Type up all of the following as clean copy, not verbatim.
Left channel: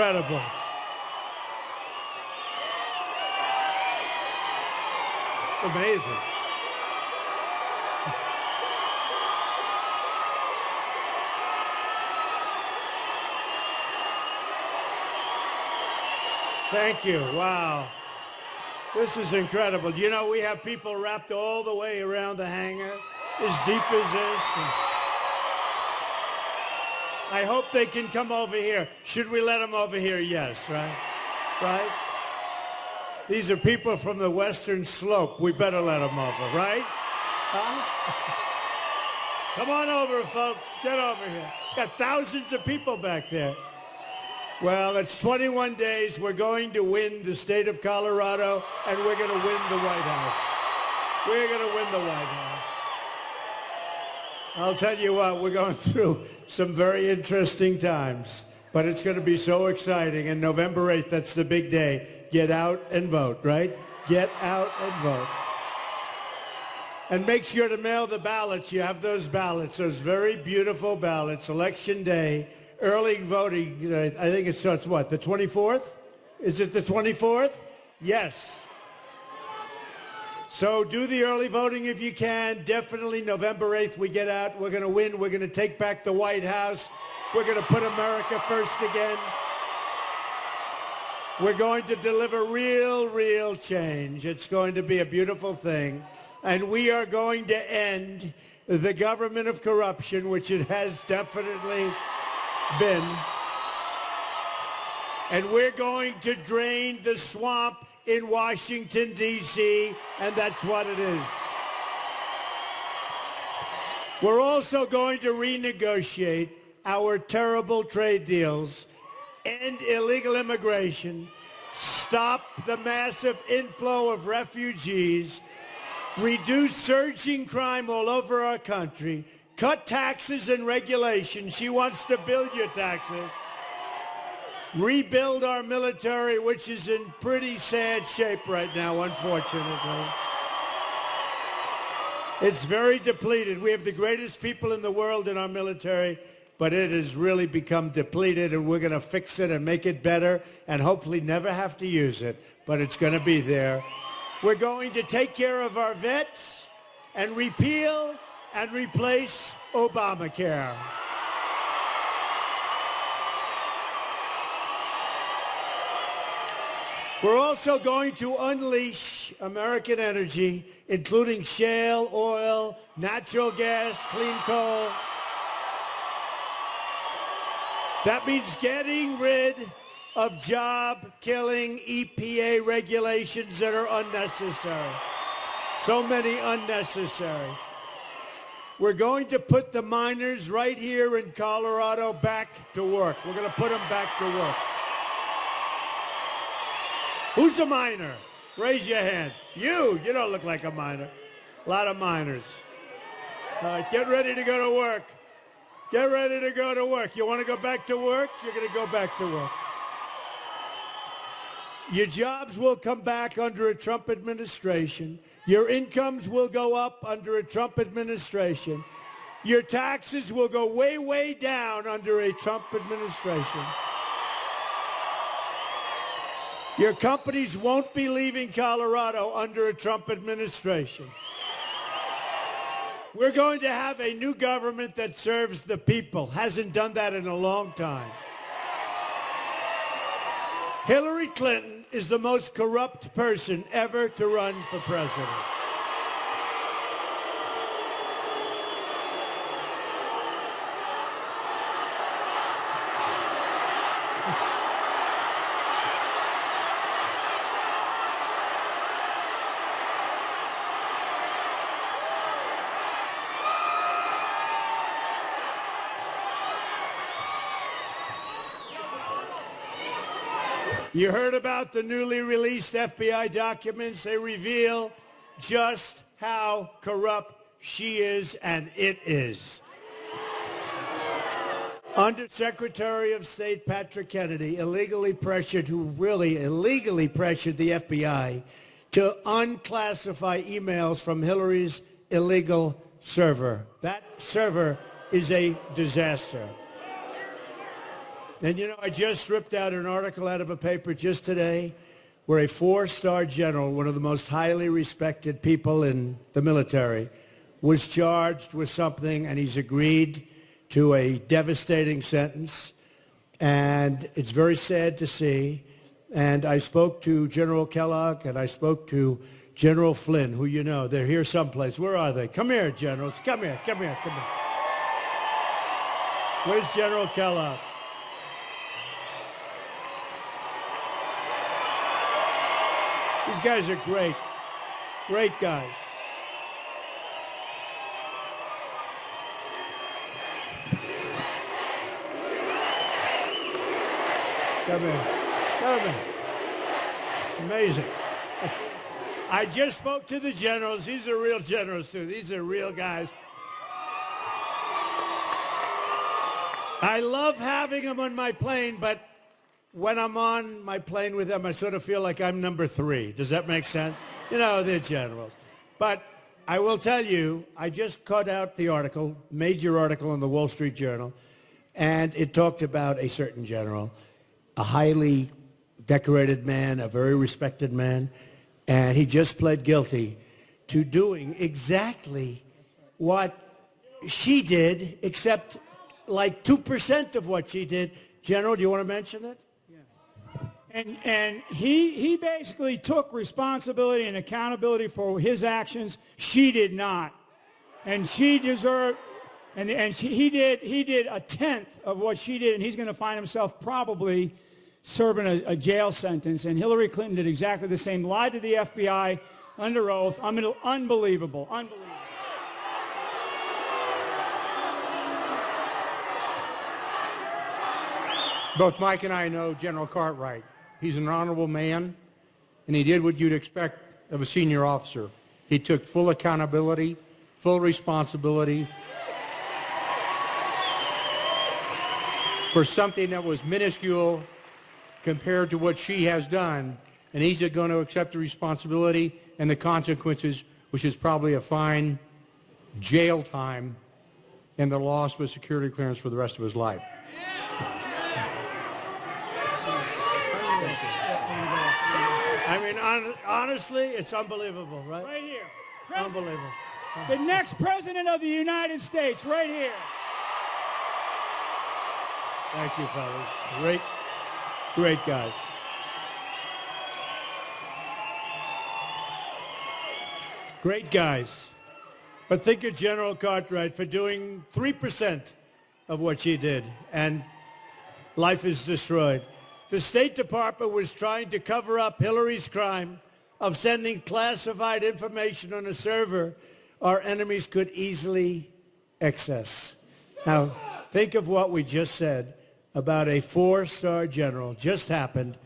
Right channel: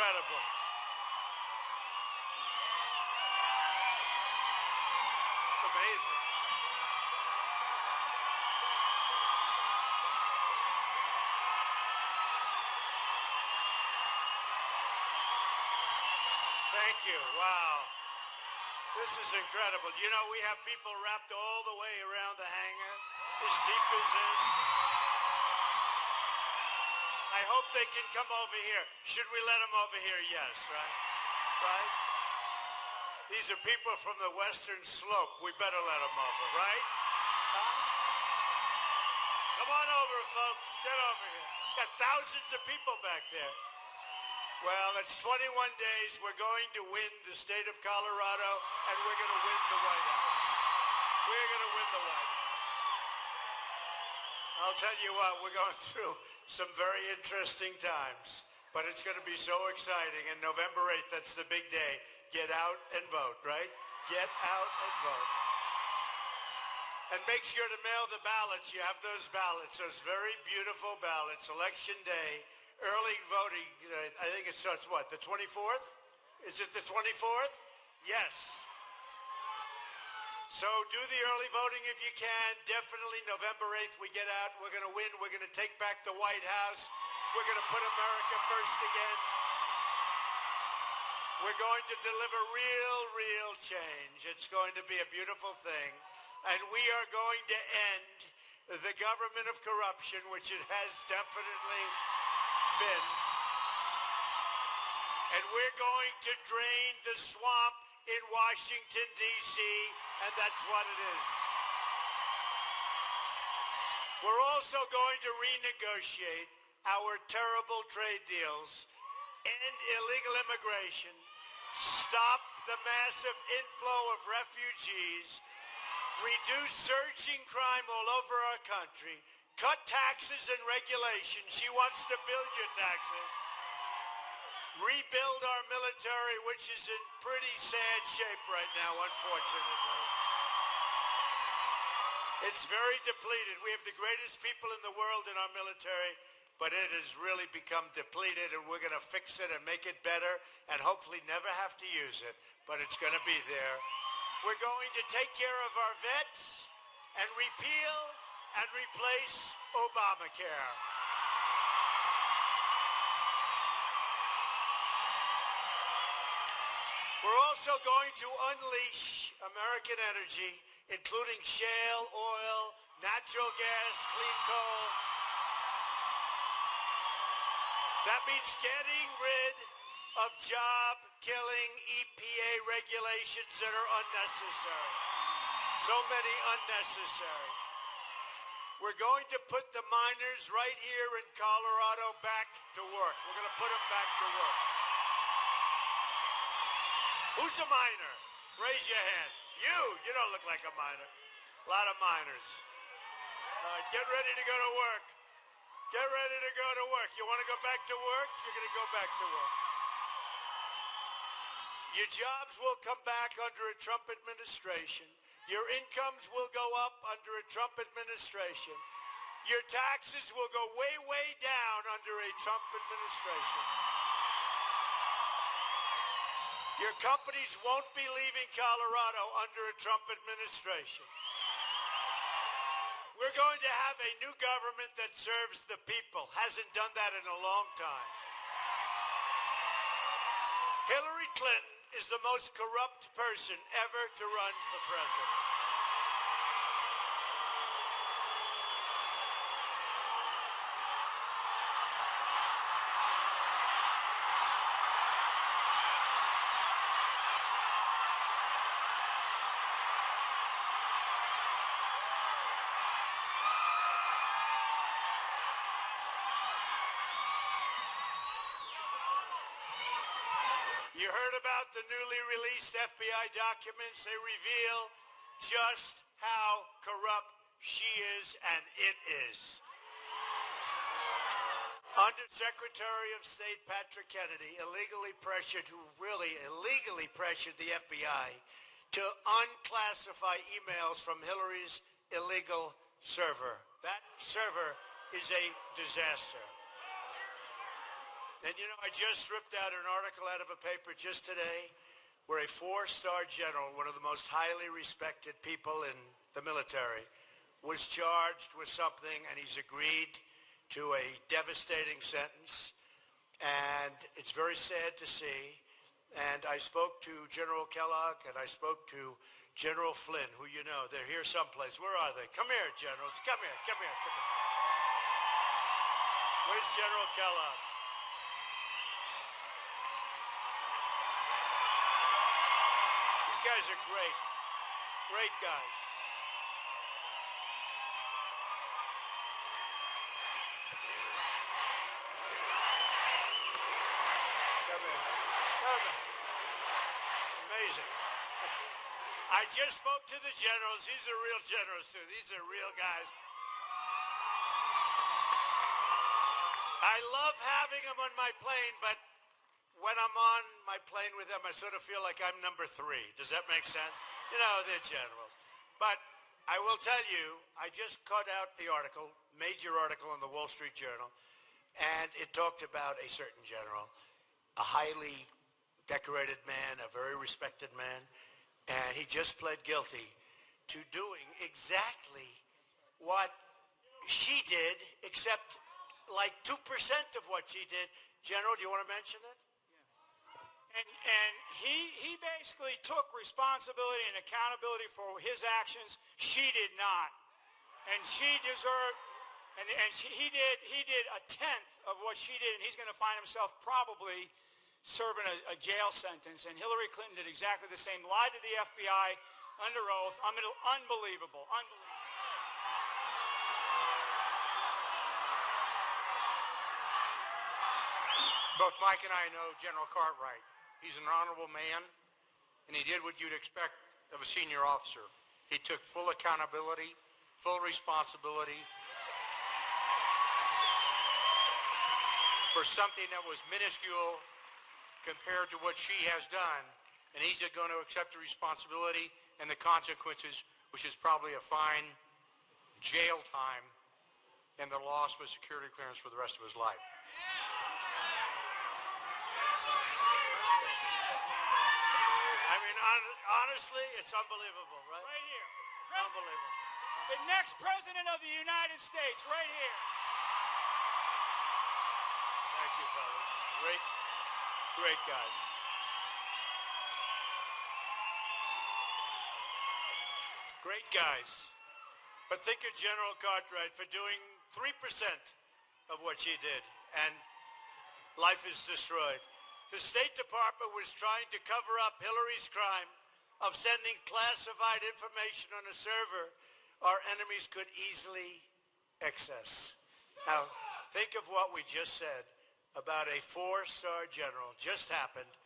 Incredible. It's amazing. Thank you. Wow. This is incredible. You know, we have people wrapped all the way around the hangar, as deep as this. I hope they can come over here. Should we let them over here? Yes, right? Right? These are people from the Western Slope. We better let them over, right? Huh? Come on over, folks. Get over here. Got thousands of people back there. Well, it's 21 days. We're going to win the state of Colorado, and we're going to win the White House. We're going to win the White House. I'll tell you what, we're going through some very interesting times, but it's going to be so exciting. And November 8th, that's the big day. Get out and vote, right? Get out and vote. And make sure to mail the ballots. You have those ballots, those very beautiful ballots, Election Day. Early voting, I think it starts, what, the 24th? Is it the 24th? Yes. So do the early voting if you can. Definitely November 8th we get out. We're going to win. We're going to take back the White House. We're going to put America first again. We're going to deliver real change. It's going to be a beautiful thing. And we are going to end the government of corruption, which it has definitely been, and we're going to drain the swamp in Washington, D.C., and that's what it is. We're also going to renegotiate our terrible trade deals, end illegal immigration, stop the massive inflow of refugees, reduce surging crime all over our country, cut taxes and regulations. She wants to build your taxes. Rebuild our military, which is in pretty sad shape right now, unfortunately. It's very depleted. We have the greatest people in the world in our military, but it has really become depleted, and we're going to fix it and make it better and hopefully never have to use it, but it's going to be there. We're going to take care of our vets and repeal and replace Obamacare. We're also going to unleash American energy, including shale oil, natural gas, clean coal. That means getting rid of job-killing EPA regulations that are unnecessary. So many unnecessary. We're going to put the miners right here in Colorado back to work. We're going to put them back to work. Who's a miner? Raise your hand. You don't look like a miner. A lot of miners. All right, get ready to go to work. Get ready to go to work. You want to go back to work? You're going to go back to work. Your jobs will come back under a Trump administration. Your incomes will go up under a Trump administration. Your taxes will go way down under a Trump administration. Your companies won't be leaving Colorado under a Trump administration. We're going to have a new government that serves the people. Hasn't done that in a long time. Hillary Clinton is the most corrupt person ever to run for president. You heard about the newly released FBI documents. They reveal just how corrupt she is, and it is. Under Secretary of State Patrick Kennedy, who really illegally pressured the FBI to unclassify emails from Hillary's illegal server. That server is a disaster. And, I just ripped out an article out of a paper just today where a 4-star general, one of the most highly respected people in the military, was charged with something, and he's agreed to a devastating sentence. And it's very sad to see. And I spoke to General Kellogg, and I spoke to General Flynn, who you know. They're here someplace. Where are they? Come here, generals. Come here. Where's General Kellogg? These guys are great. Great guys. Come in. Amazing. I just spoke to the generals. These are real generals, too. These are real guys. I love having them on my plane, but when I'm on my plane with them, I sort of feel like I'm number 3. Does that make sense? They're generals. But I will tell you, I just cut out the article, major article in the Wall Street Journal, and it talked about a certain general, a highly decorated man, a very respected man, and he just pled guilty to doing exactly what she did, except like 2% of what she did. General, do you want to mention it? And he basically took responsibility and accountability for his actions. She did not, and she deserved. He did a tenth of what she did, and he's going to find himself probably serving a jail sentence. And Hillary Clinton did exactly the same. Lied to the FBI under oath. Unbelievable. Both Mike and I know General Cartwright. He's an honorable man, and he did what you'd expect of a senior officer. He took full accountability, full responsibility for something that was minuscule compared to what she has done, and he's going to accept the responsibility and the consequences, which is probably a fine, jail time, and the loss of a security clearance for the rest of his life. Honestly, it's unbelievable, right? Right here. Unbelievable. The next president of the United States, right here. Thank you, fellas. Great guys. Great guys. But think of General Cartwright for doing 3% of what she did, and life is destroyed. The State Department was trying to cover up Hillary's crime of sending classified information on a server our enemies could easily access. Now, think of what we just said about a 4-star general. Just happened.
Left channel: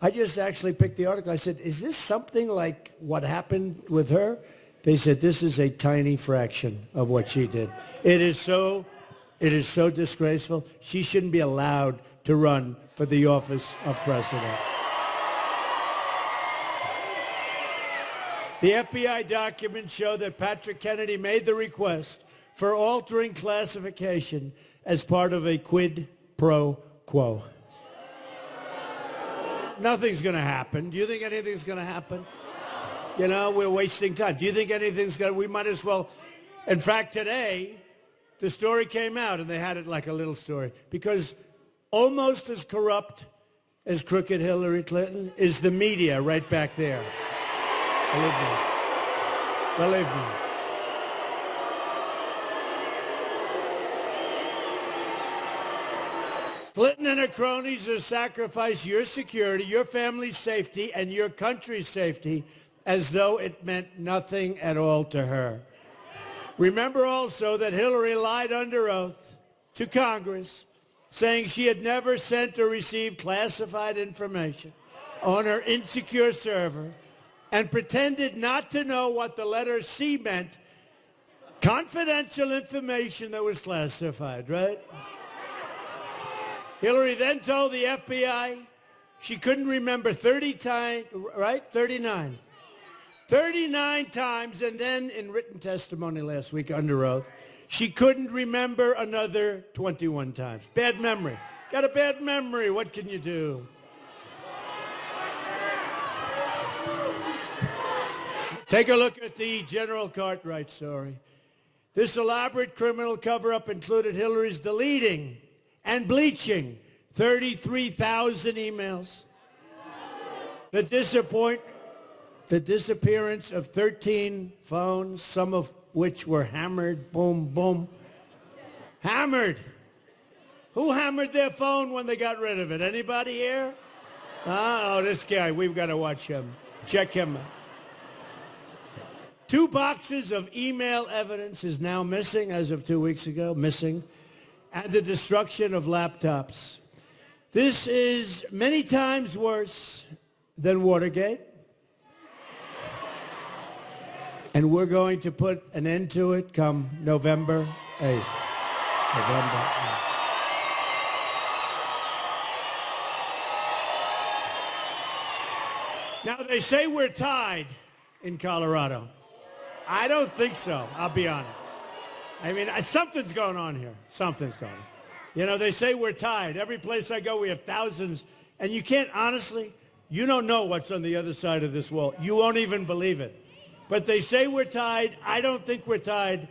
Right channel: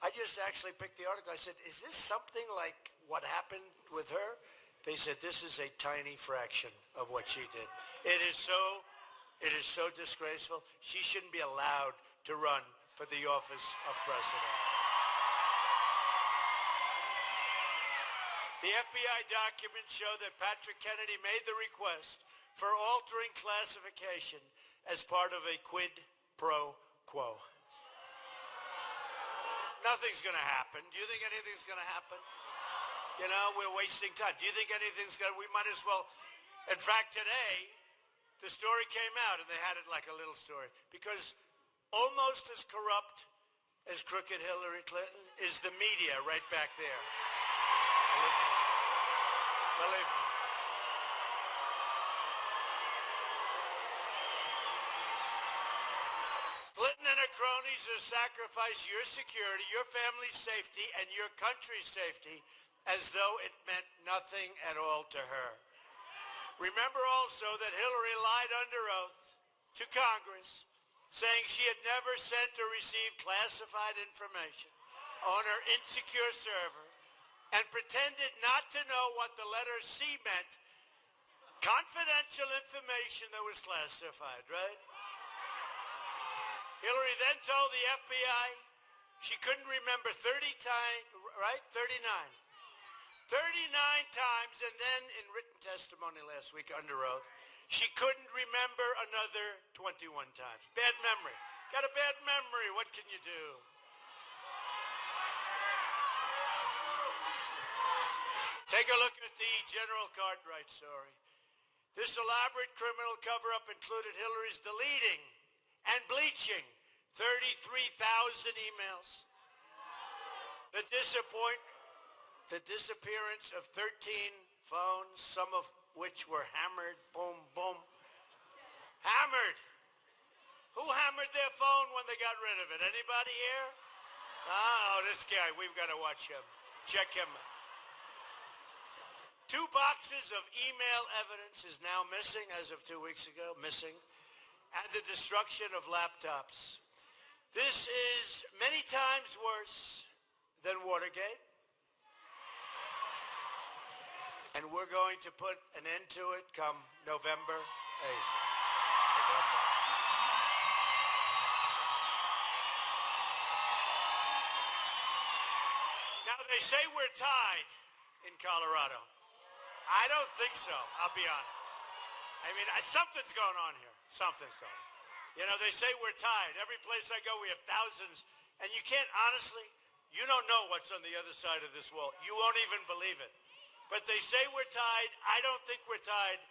I just actually picked the article. I said, is this something like what happened with her? They said, this is a tiny fraction of what she did. It is so disgraceful. She shouldn't be allowed to run for the office of president. The FBI documents show that Patrick Kennedy made the request for altering classification as part of a quid pro quo. Nothing's going to happen. Do you think anything's going to happen? We're wasting time. Do you think anything's going to... We might as well... In fact, today, the story came out, and they had it like a little story, because almost as corrupt as crooked Hillary Clinton is the media right back there. Believe me. Clinton and her cronies have sacrificed your security, your family's safety, and your country's safety as though it meant nothing at all to her. Remember also that Hillary lied under oath to Congress, saying she had never sent or received classified information on her insecure server, and pretended not to know what the letter C meant, confidential information that was classified, right? Hillary then told the FBI she couldn't remember 30 times, right? 39. 39 times, and then in written testimony last week under oath, she couldn't remember another 21 times. Bad memory. Got a bad memory. What can you do? Take a look at the General Cartwright story. This elaborate criminal cover-up included Hillary's deleting and bleaching 33,000 emails. The disappearance of 13 phones, some of which were hammered, boom, boom. Hammered. Who hammered their phone when they got rid of it? Anybody here? Oh, this guy, we've got to watch him. Check him out. 2 boxes of email evidence is now missing as of 2 weeks ago, missing, and the destruction of laptops. This is many times worse than Watergate. And we're going to put an end to it come November 8th. November 8th. Now, they say we're tied in Colorado. I don't think so, I'll be honest. I mean, something's going on here. Something's going on. You know, they say we're tied. Every place I go, we have thousands. And you can't, honestly, you don't know what's on the other side of this wall. You won't even believe it. But they say we're tied. I don't think we're tied.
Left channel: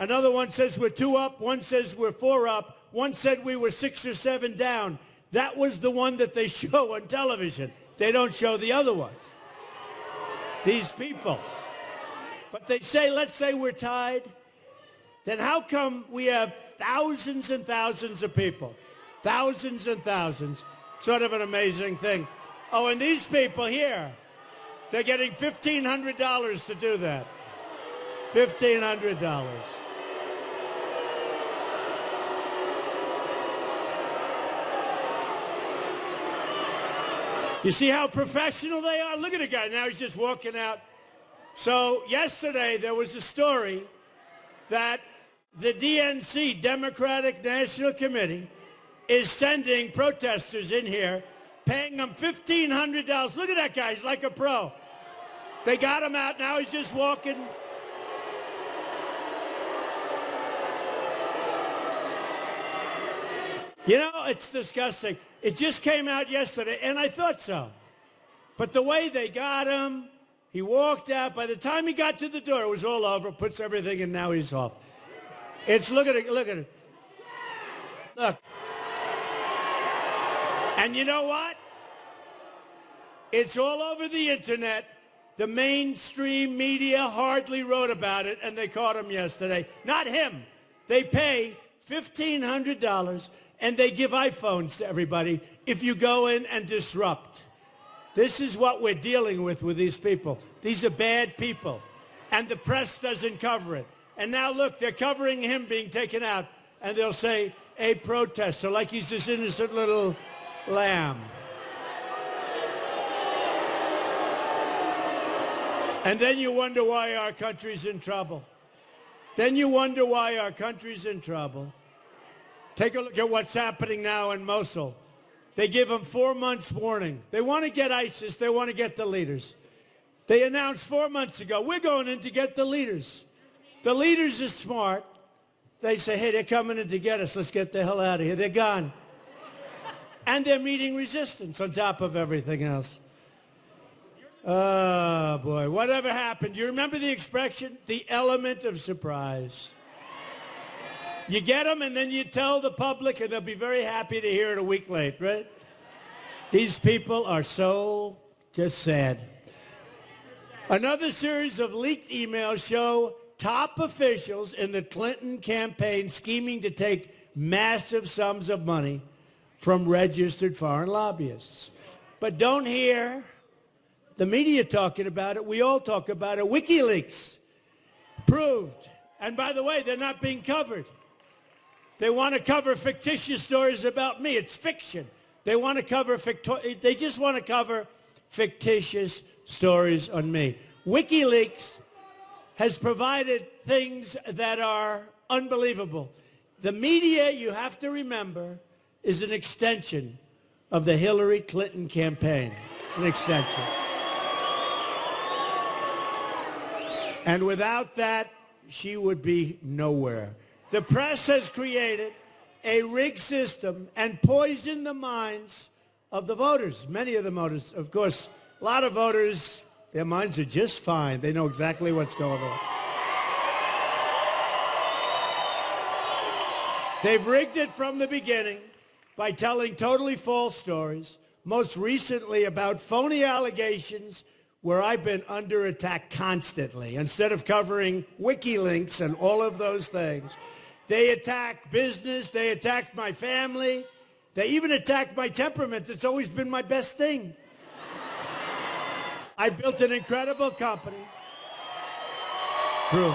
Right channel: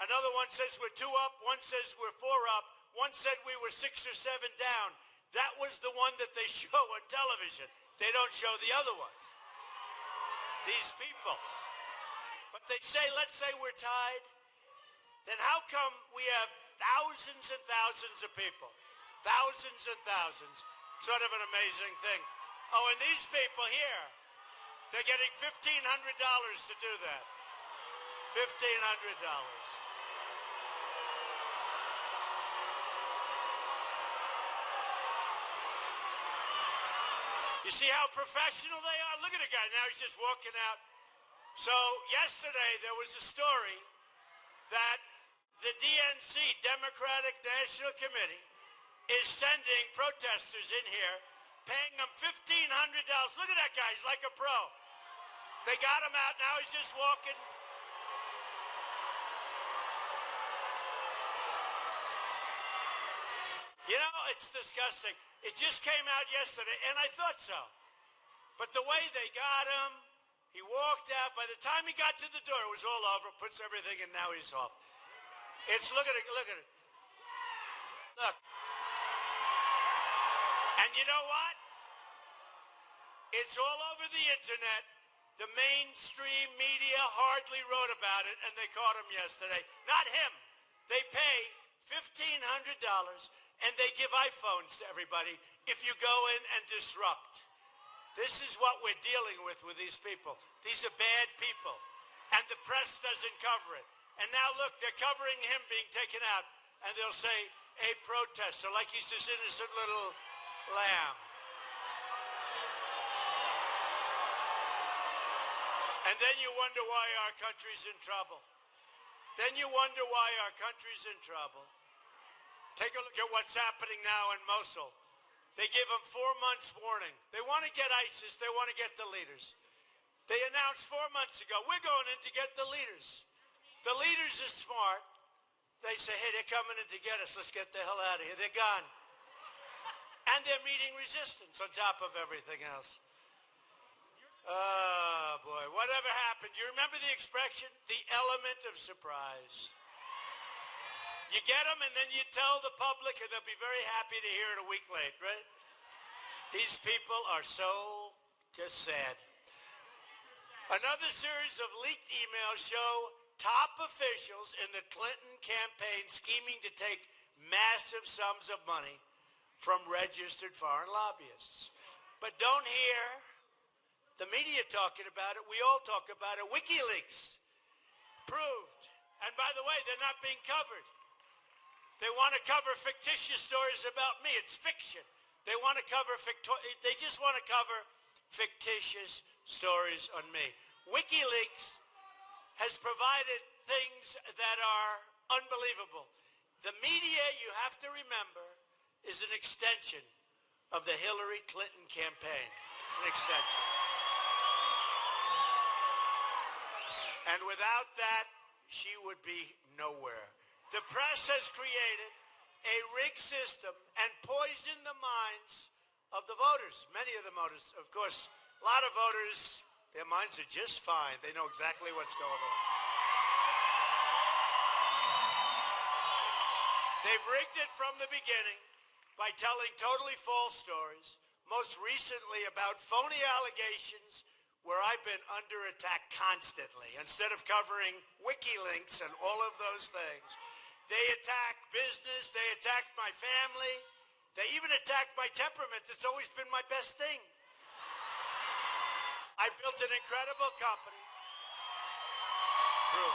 Another one says we're 2 up. One says we're 4 up. One said we were 6 or 7 down. That was the one that they show on television. They don't show the other ones. These people. But they say, let's say we're tied. Then how come we have thousands and thousands of people? Thousands and thousands. Sort of an amazing thing. Oh, and these people here, they're getting $1,500 to do that. $1,500. You see how professional they are? Look at the guy. Now he's just walking out. So yesterday there was a story that the DNC, Democratic National Committee, is sending protesters in here, paying them $1,500. Look at that guy. He's like a pro. They got him out. Now he's just walking. You know, it's disgusting. It just came out yesterday, and I thought so. But the way they got him, he walked out. By the time he got to the door, it was all over. Puts everything in, now he's off. It's, look at it, look at it. Look. And you know what? It's all over the internet. The mainstream media hardly wrote about it, and they caught him yesterday. Not him. They pay $1,500, and they give iPhones to everybody if you go in and disrupt. This is what we're dealing with these people. These are bad people, and the press doesn't cover it. And now, look, they're covering him being taken out, and they'll say, a protester, like he's this innocent little lamb. And then you wonder why our country's in trouble. Then you wonder why our country's in trouble. Take a look at what's happening now in Mosul. They give them 4 months warning. They want to get ISIS. They want to get the leaders. They announced 4 months ago, we're going in to get the leaders. The leaders are smart. They say, hey, they're coming in to get us. Let's get the hell out of here. They're gone. And they're meeting resistance on top of everything else. Oh, boy. Whatever happened? You remember the expression? The element of surprise. You get them, and then you tell the public, and they'll be very happy to hear it a week late, right? These people are so just sad. Another series of leaked emails show top officials in the Clinton campaign scheming to take massive sums of money from registered foreign lobbyists. But don't hear the media talking about it. We all talk about it. Wikileaks proved. And by the way, they're not being covered. They want to cover fictitious stories about me. It's fiction. They want to cover they just want to cover fictitious stories on me. WikiLeaks has provided things that are unbelievable. The media, you have to remember, is an extension of the Hillary Clinton campaign. It's an extension. And without that, she would be nowhere. The press has created a rigged system and poison the minds of the voters. Many of the voters, of course, a lot of voters, their minds are just fine. They know exactly what's going on. They've rigged it from the beginning by telling totally false stories, most recently about phony allegations where I've been under attack constantly. Instead of covering Wikileaks and all of those things, they attack business, they attacked my family, they even attacked my temperament. That's always been my best thing. I built an incredible company. True.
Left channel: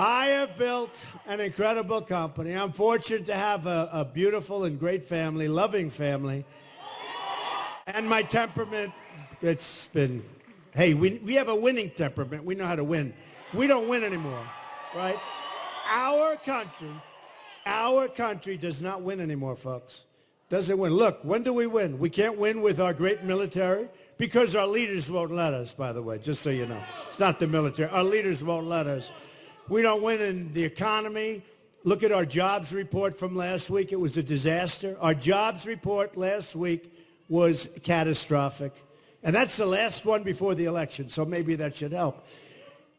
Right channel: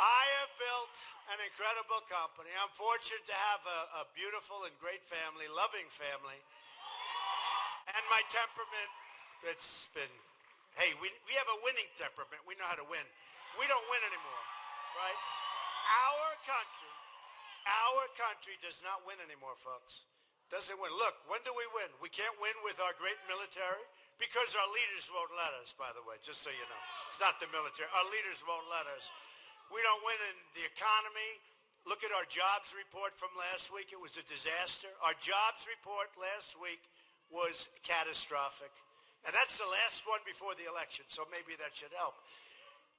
I have built an incredible company. I'm fortunate to have a beautiful and great family, loving family. And my temperament, it's been, hey, we have a winning temperament. We know how to win. We don't win anymore, right? Our country does not win anymore, folks. Doesn't win. Look, when do we win? We can't win with our great military because our leaders won't let us, by the way, just so you know. It's not the military. Our leaders won't let us. We don't win in the economy. Look at our jobs report from last week. It was a disaster. Our jobs report last week was catastrophic. And that's the last one before the election, so maybe that should help.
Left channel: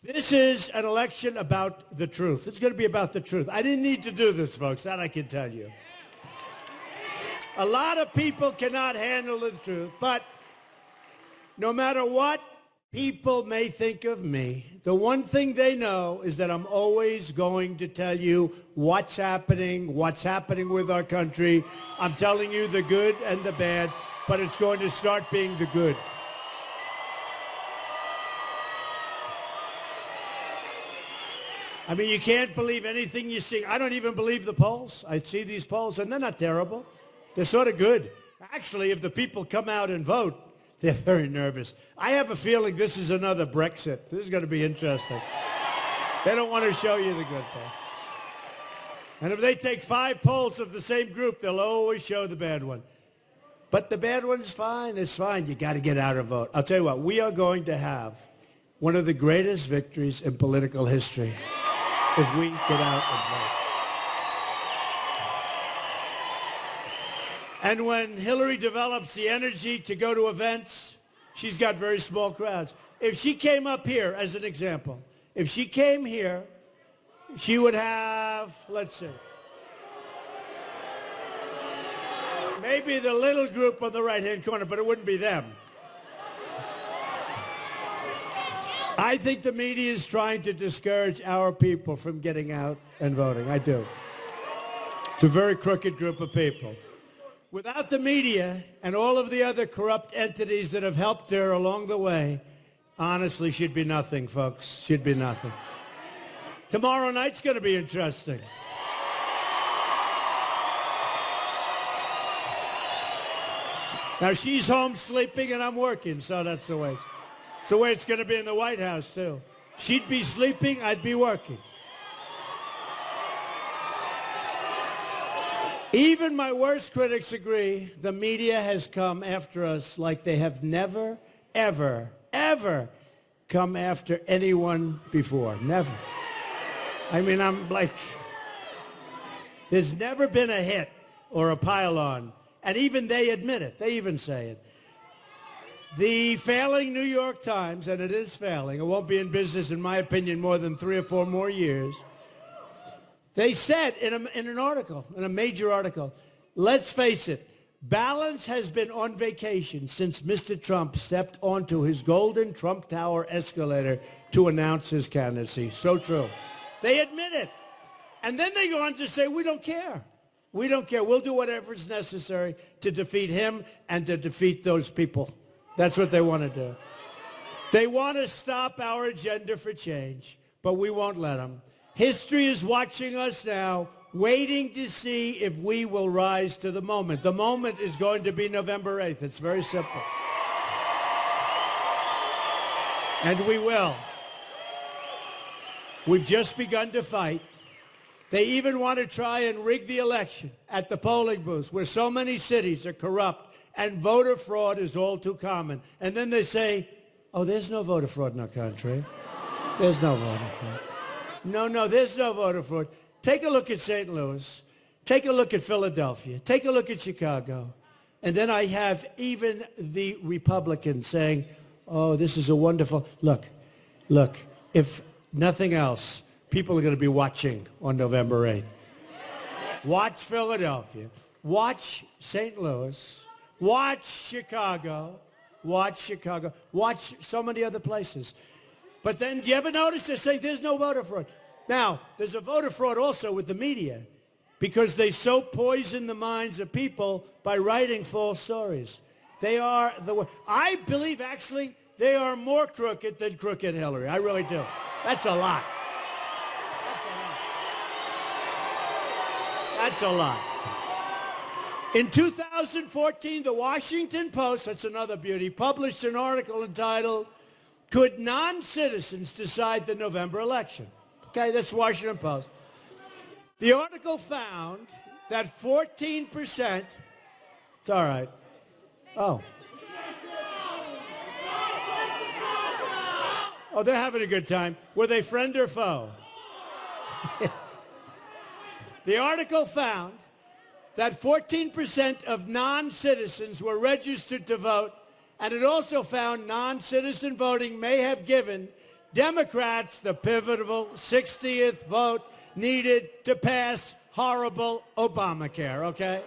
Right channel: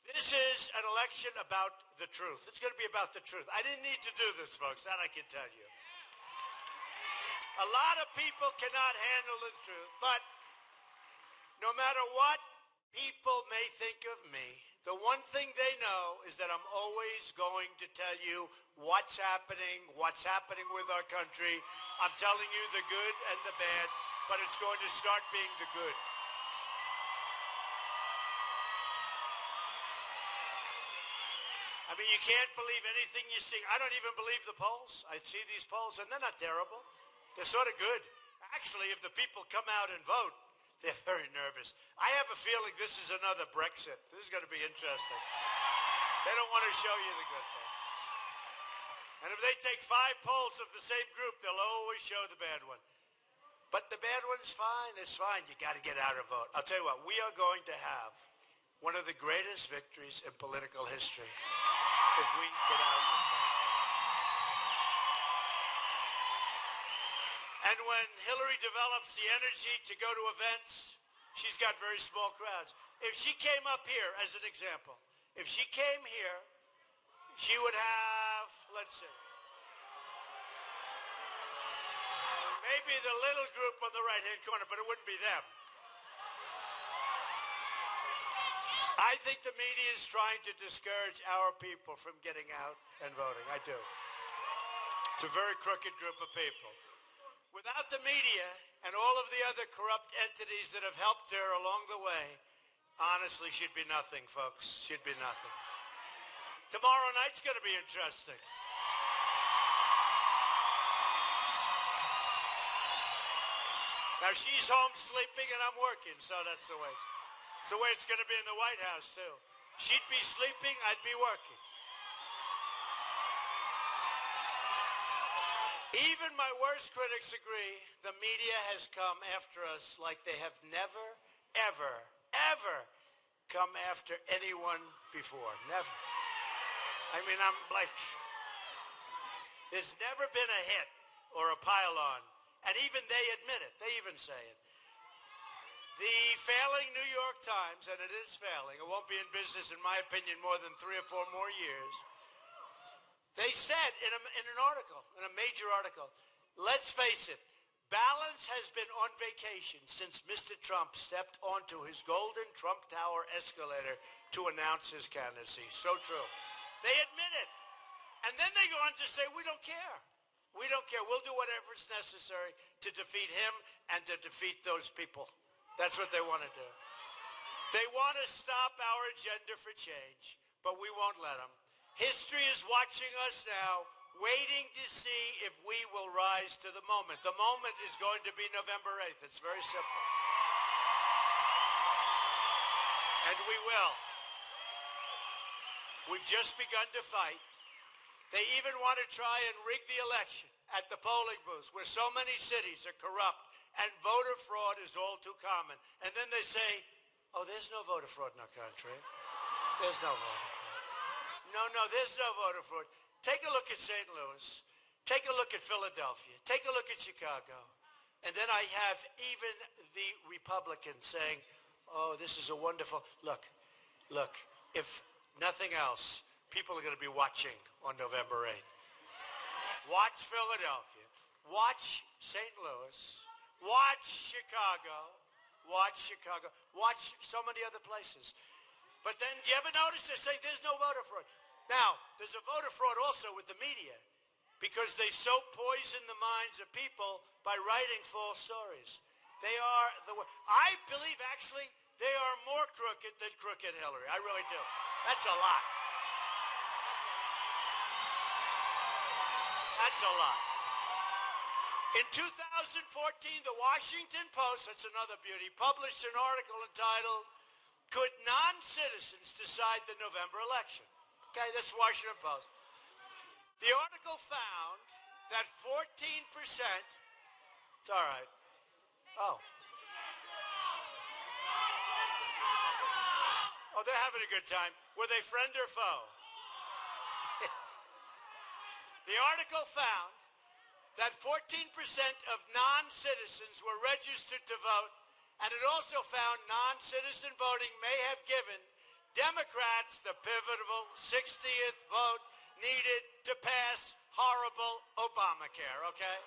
This is an election about the truth. It's going to be about the truth. I didn't need to do this, folks. That I can tell you. A lot of people cannot handle the truth, but no matter what people may think of me, the one thing they know is that I'm always going to tell you what's happening with our country. I'm telling you the good and the bad, but it's going to start being the good. I mean, you can't believe anything you see. I don't even believe the polls. I see these polls, and they're not terrible. They're sort of good. Actually, if the people come out and vote, they're very nervous. I have a feeling this is another Brexit. This is going to be interesting. They don't want to show you the good thing. And if they take 5 polls of the same group, they'll always show the bad one. But the bad one's fine. It's fine. You got to get out and vote. I'll tell you what, we are going to have one of the greatest victories in political history if we get out and vote. And when Hillary develops the energy to go to events, she's got very small crowds. If she came up here, as an example, if she came here, she would have, let's see, maybe the little group on the right-hand corner, but it wouldn't be them. I think the media is trying to discourage our people from getting out and voting. I do. It's a very crooked group of people. Without the media and all of the other corrupt entities that have helped her along the way, honestly, she'd be nothing, folks. She'd be nothing. Tomorrow night's going to be interesting. Now, she's home sleeping and I'm working, so that's the way. It's the way it's going to be in the White House, too. She'd be sleeping, I'd be working. Even my worst critics agree the media has come after us like they have never, ever, ever come after anyone before. Never. I mean, I'm like, there's never been a hit or a pile-on. And even they admit it. They even say it. The failing New York Times, and it is failing, it won't be in business, in my opinion, more than 3 or 4 more years. They said in an article, in a major article, let's face it, balance has been on vacation since Mr. Trump stepped onto his golden Trump Tower escalator to announce his candidacy. So true. They admit it. And then they go on to say, we don't care. We don't care. We'll do whatever is necessary to defeat him and to defeat those people. That's what they want to do. They want to stop our agenda for change, but we won't let them. History is watching us now, waiting to see if we will rise to the moment. The moment is going to be November 8th. It's very simple. And we will. We've just begun to fight. They even want to try and rig the election at the polling booths where so many cities are corrupt and voter fraud is all too common. And then they say, oh, there's no voter fraud in our country. There's no voter fraud. No, there's no voter fraud. Take a look at St. Louis. Take a look at Philadelphia. Take a look at Chicago. And then I have even the Republicans saying, oh, this is a wonderful... Look, if nothing else, people are going to be watching on November 8th. Watch Philadelphia. Watch St. Louis. Watch Chicago. Watch so many other places. But then, do you ever notice they're saying there's no voter fraud? Now, there's a voter fraud also with the media because they so poison the minds of people by writing false stories. They are I believe, actually, they are more crooked than crooked Hillary. I really do. That's a lot. That's a lot. In 2014, the Washington Post, that's another beauty, published an article entitled, Could Non-Citizens Decide the November Election? Okay, that's the Washington Post. The article found that 14%, it's all right. Oh, they're having a good time. Were they friend or foe? The article found that 14% of non-citizens were registered to vote, and it also found non-citizen voting may have given Democrats the pivotal 60th vote needed to pass horrible Obamacare, okay?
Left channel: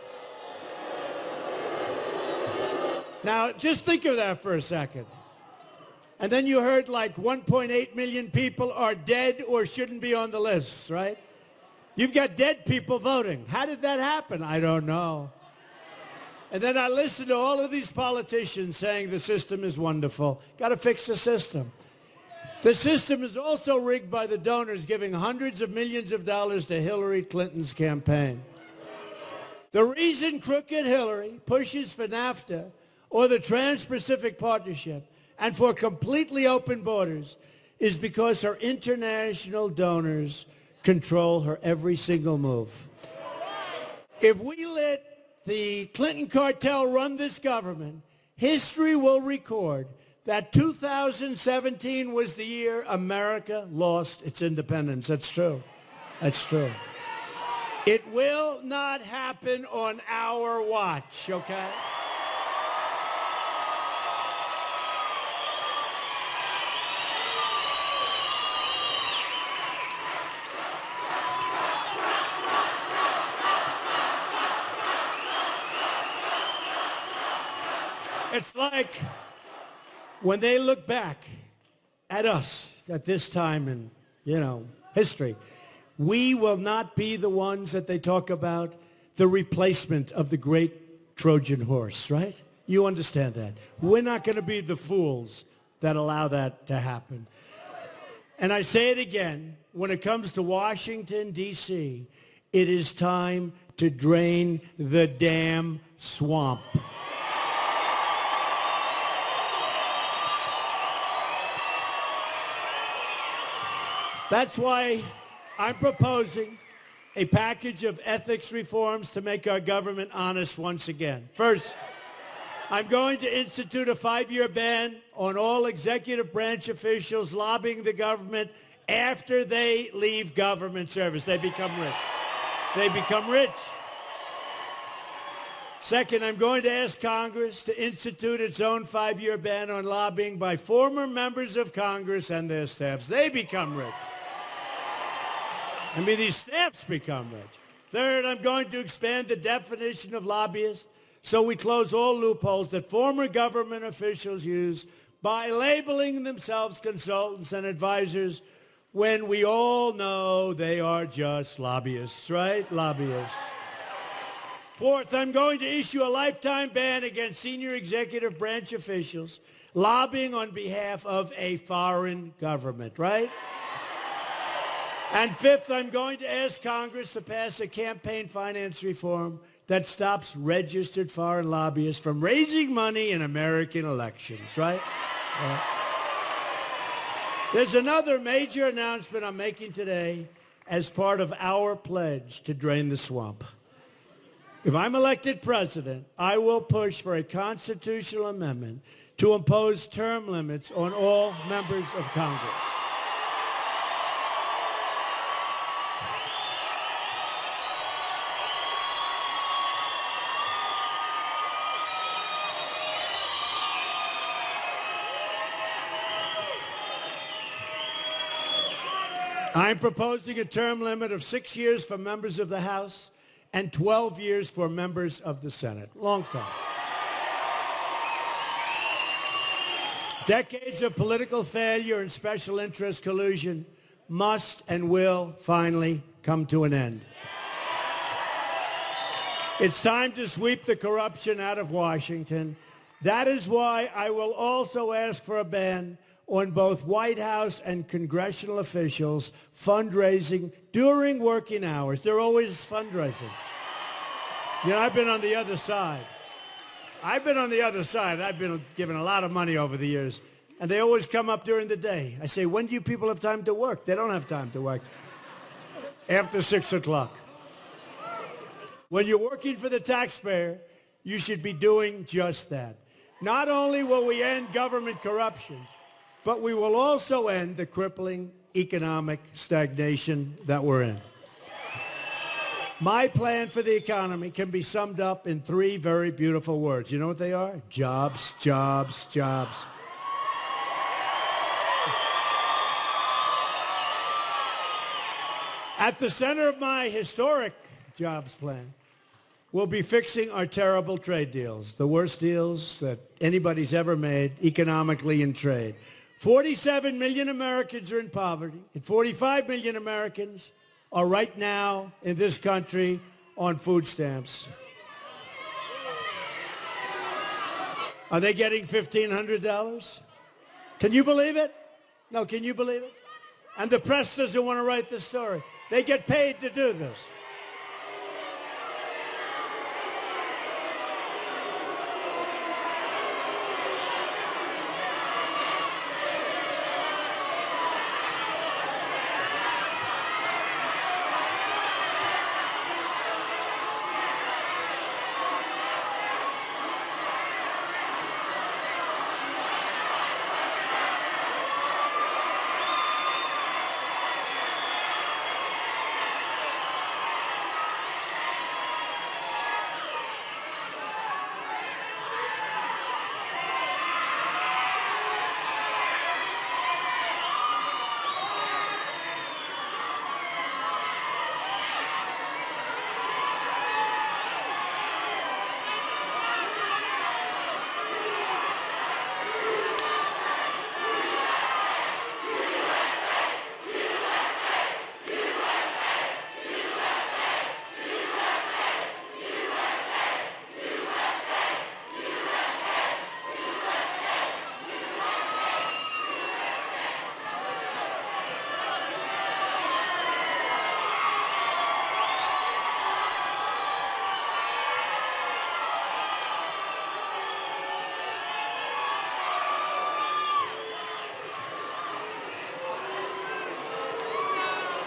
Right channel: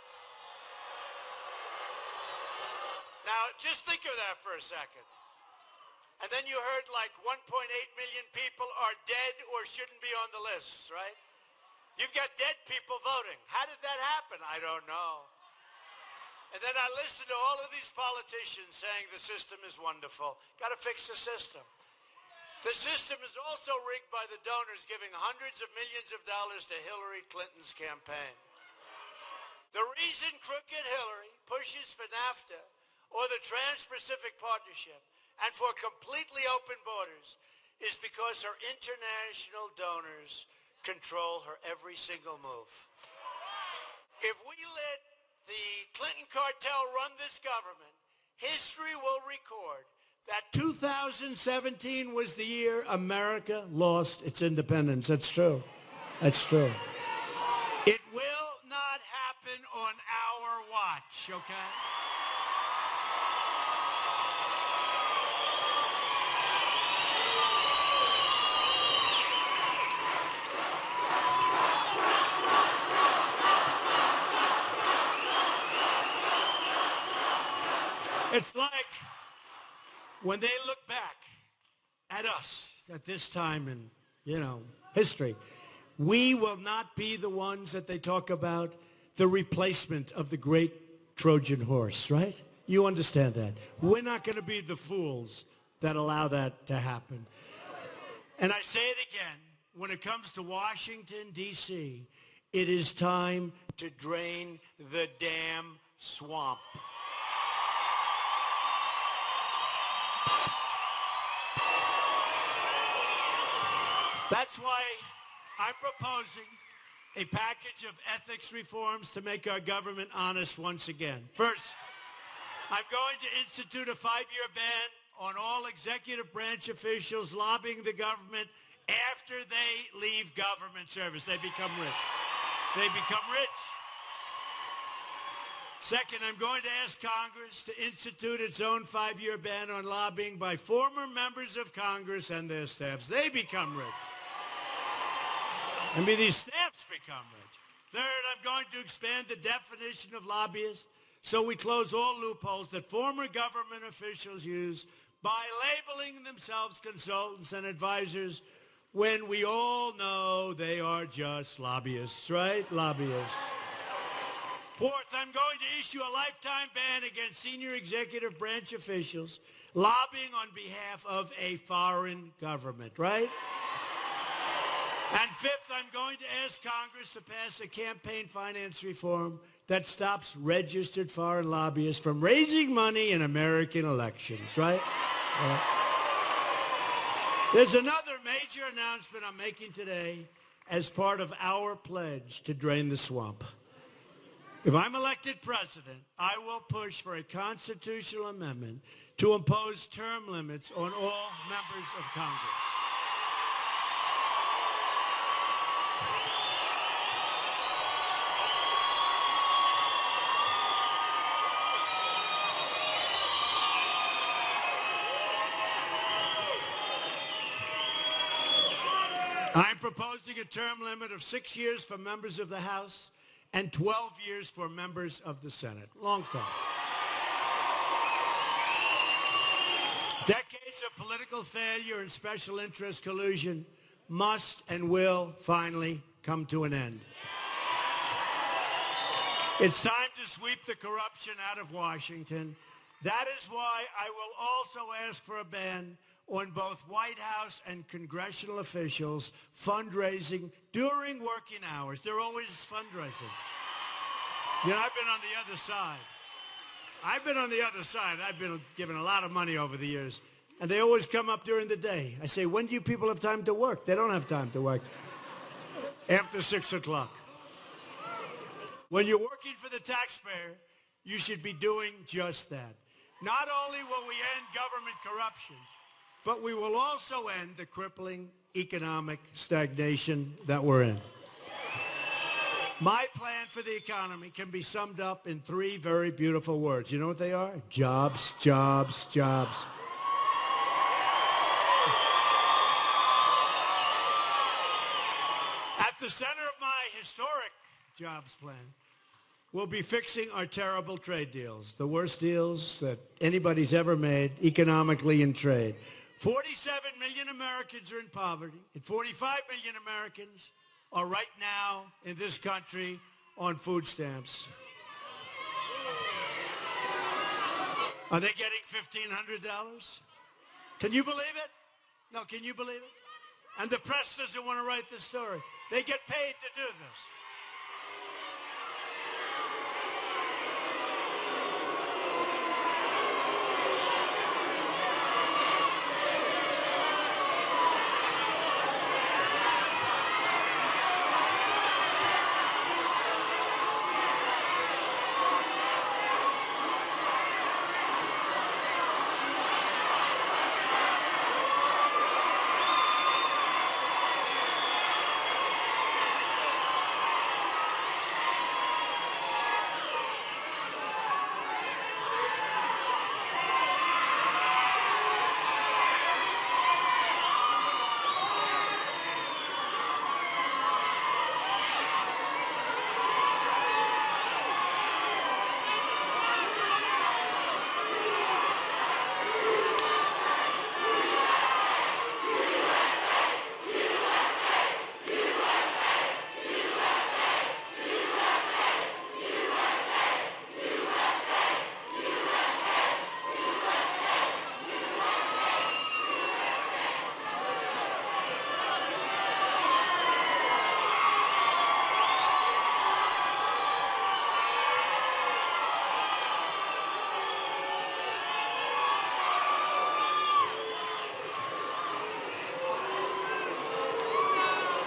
Now, just think of that for a second. And then you heard like 1.8 million people are dead or shouldn't be on the list, right? You've got dead people voting. How did that happen? I don't know. And then I listened to all of these politicians saying the system is wonderful. Got to fix the system. The system is also rigged by the donors giving hundreds of millions of dollars to Hillary Clinton's campaign. The reason crooked Hillary pushes for NAFTA or the Trans-Pacific Partnership and for completely open borders is because her international donors control her every single move. If we let the Clinton cartel run this government, history will record that 2017 was the year America lost its independence. That's true. That's true. It will not happen on our watch, okay? It's like when they look back at us at this time in, history, we will not be the ones that they talk about, the replacement of the great Trojan horse, right? You understand that. We're not going to be the fools that allow that to happen. And I say it again, when it comes to Washington, D.C., it is time to drain the damn swamp. That's why I'm proposing a package of ethics reforms to make our government honest once again. First, I'm going to institute a 5-year ban on all executive branch officials lobbying the government after they leave government service. They become rich. Second, I'm going to ask Congress to institute its own 5-year ban on lobbying by former members of Congress and their staffs. They become rich. These staffs become rich. Third, I'm going to expand the definition of lobbyist so we close all loopholes that former government officials use by labeling themselves consultants and advisors when we all know they are just lobbyists, right? Lobbyists. Fourth, I'm going to issue a lifetime ban against senior executive branch officials lobbying on behalf of a foreign government, right? And fifth, I'm going to ask Congress to pass a campaign finance reform that stops registered foreign lobbyists from raising money in American elections, right? There's another major announcement I'm making today as part of our pledge to drain the swamp. If I'm elected president, I will push for a constitutional amendment to impose term limits on all members of Congress. I'm proposing a term limit of 6 years for members of the House and 12 years for members of the Senate. Long time. Decades of political failure and special interest collusion must and will finally come to an end. It's time to sweep the corruption out of Washington. That is why I will also ask for a ban on both White House and congressional officials fundraising during working hours. They're always fundraising. You know, I've been on the other side. I've been given a lot of money over the years, and they always come up during the day. I say, when do you people have time to work? They don't have time to work. After 6 o'clock. When you're working for the taxpayer, you should be doing just that. Not only will we end government corruption, but we will also end the crippling economic stagnation that we're in. My plan for the economy can be summed up in 3 very beautiful words. You know what they are? Jobs, jobs, jobs. At the center of my historic jobs plan will be fixing our terrible trade deals, the worst deals that anybody's ever made economically in trade. 47 million Americans are in poverty, and 45 million Americans are right now in this country on food stamps. Are they getting $1,500? Can you believe it? No, can you believe it? And the press doesn't want to write the story. They get paid to do this.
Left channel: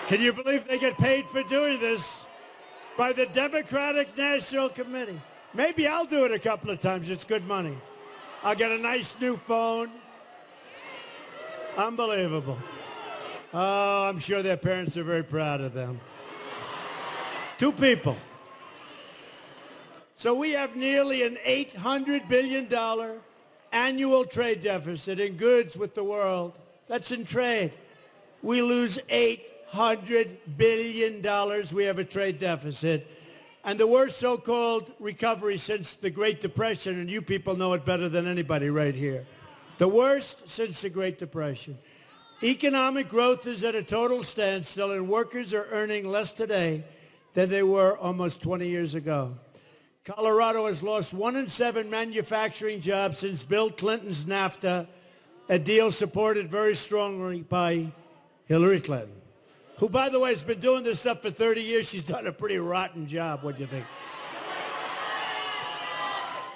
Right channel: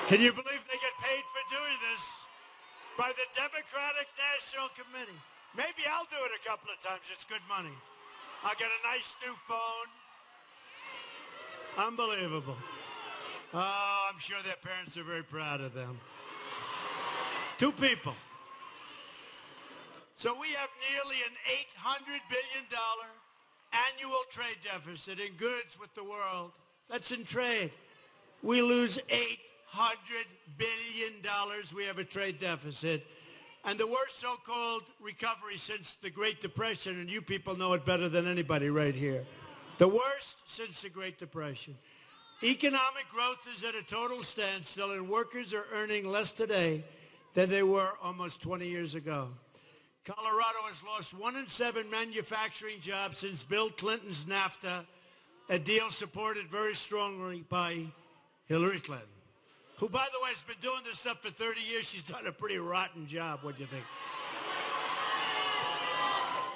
Can you believe they get paid for doing this by the Democratic National Committee? Maybe I'll do it a couple of times. It's good money. I'll get a nice new phone. Unbelievable. Oh, I'm sure their parents are very proud of them. 2 people. So we have nearly an $800 billion annual trade deficit in goods with the world. That's in trade. We lose $800 billion. We have a trade deficit. And the worst so-called recovery since the Great Depression, and you people know it better than anybody right here. The worst since the Great Depression. Economic growth is at a total standstill, and workers are earning less today than they were almost 20 years ago. Colorado has lost 1 in 7 manufacturing jobs since Bill Clinton's NAFTA, a deal supported very strongly by Hillary Clinton, who, by the way, has been doing this stuff for 30 years. She's done a pretty rotten job. What do you think?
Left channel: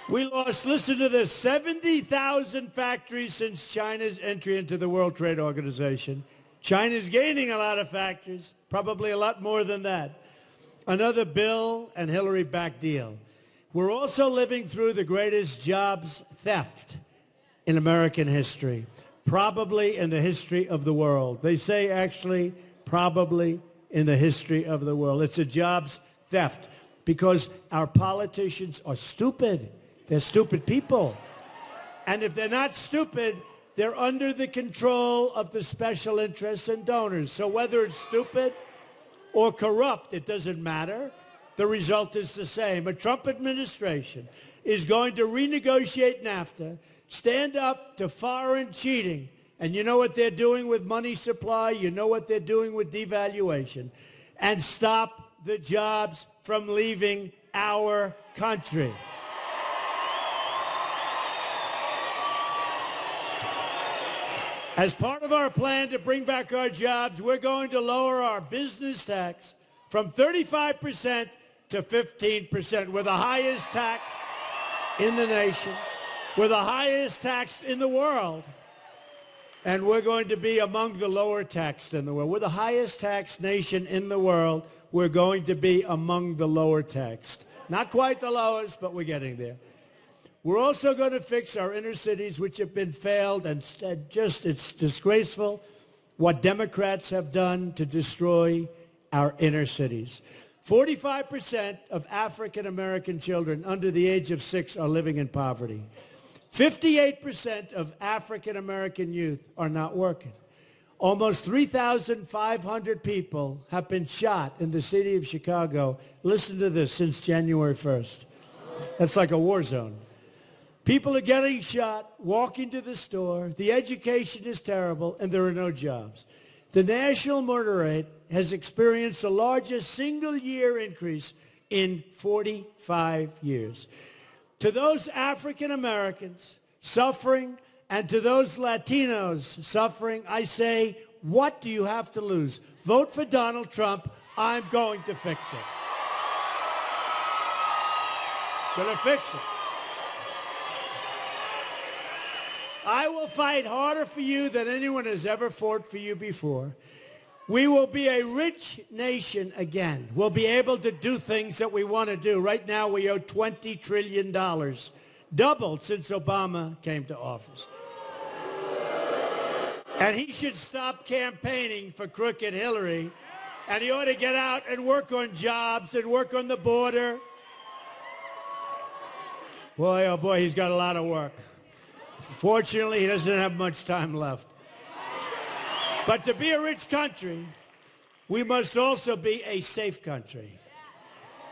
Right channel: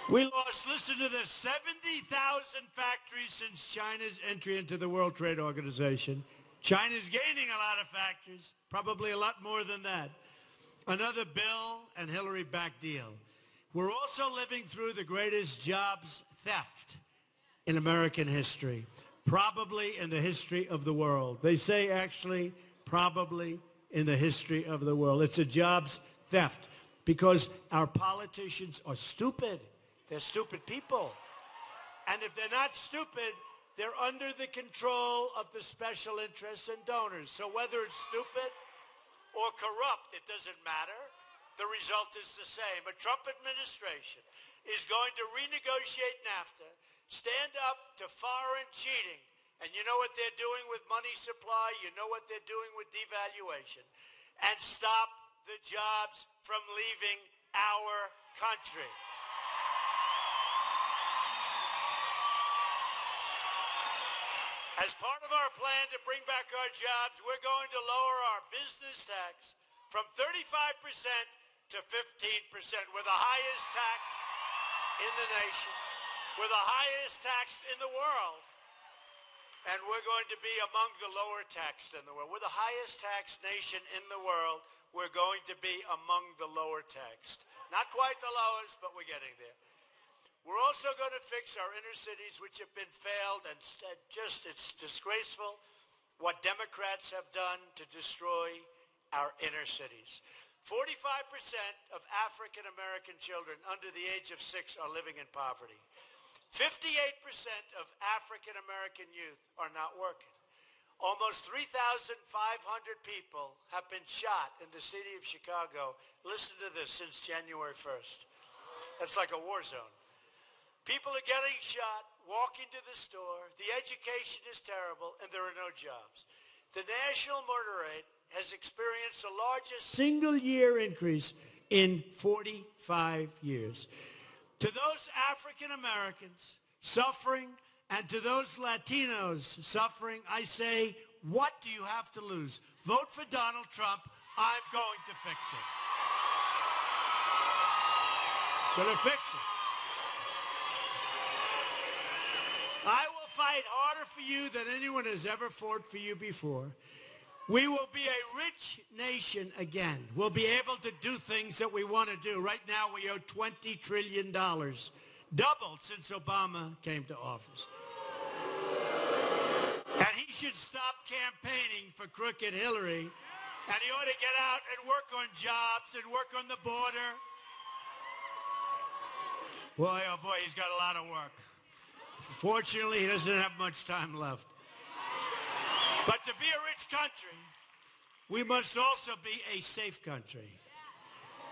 We lost, listen to this, 70,000 factories since China's entry into the World Trade Organization. China's gaining a lot of factories, probably a lot more than that. Another Bill and Hillary-backed deal. We're also living through the greatest jobs theft in American history, probably in the history of the world. They say, actually, probably in the history of the world. It's a jobs theft because our politicians are stupid. They're stupid people. And if they're not stupid, they're under the control of the special interests and donors. So whether it's stupid or corrupt, it doesn't matter. The result is the same. A Trump administration is going to renegotiate NAFTA, stand up to foreign cheating. And you know what they're doing with money supply? You know what they're doing with devaluation. And stop the jobs from leaving our country. As part of our plan to bring back our jobs, we're going to lower our business tax from 35% to 15%. We're the highest tax in the nation. We're the highest taxed in the world. And we're going to be among the lower taxed in the world. We're the highest taxed nation in the world. We're going to be among the lower taxed. Not quite the lowest, but we're getting there. We're also going to fix our inner cities, which have been failed, and just it's disgraceful what Democrats have done to destroy our inner cities. 45% of African-American children under the age of 6 are living in poverty. 58% of African-American youth are not working. Almost 3,500 people have been shot in the city of Chicago. Listen to this, since January 1st. That's like a war zone. People are getting shot, walking to the store, the education is terrible, and there are no jobs. The national murder rate has experienced the largest single-year increase in 45 years. To those African Americans suffering and to those Latinos suffering, I say, what do you have to lose? Vote for Donald Trump. I'm going to fix it. Gonna fix it. I will fight harder for you than anyone has ever fought for you before. We will be a rich nation again. We'll be able to do things that we want to do. Right now, we owe $20 trillion, doubled since Obama came to office. And he should stop campaigning for crooked Hillary, and he ought to get out and work on jobs and work on the border. Boy, oh boy, he's got a lot of work. Fortunately, he doesn't have much time left. But to be a rich country, we must also be a safe country.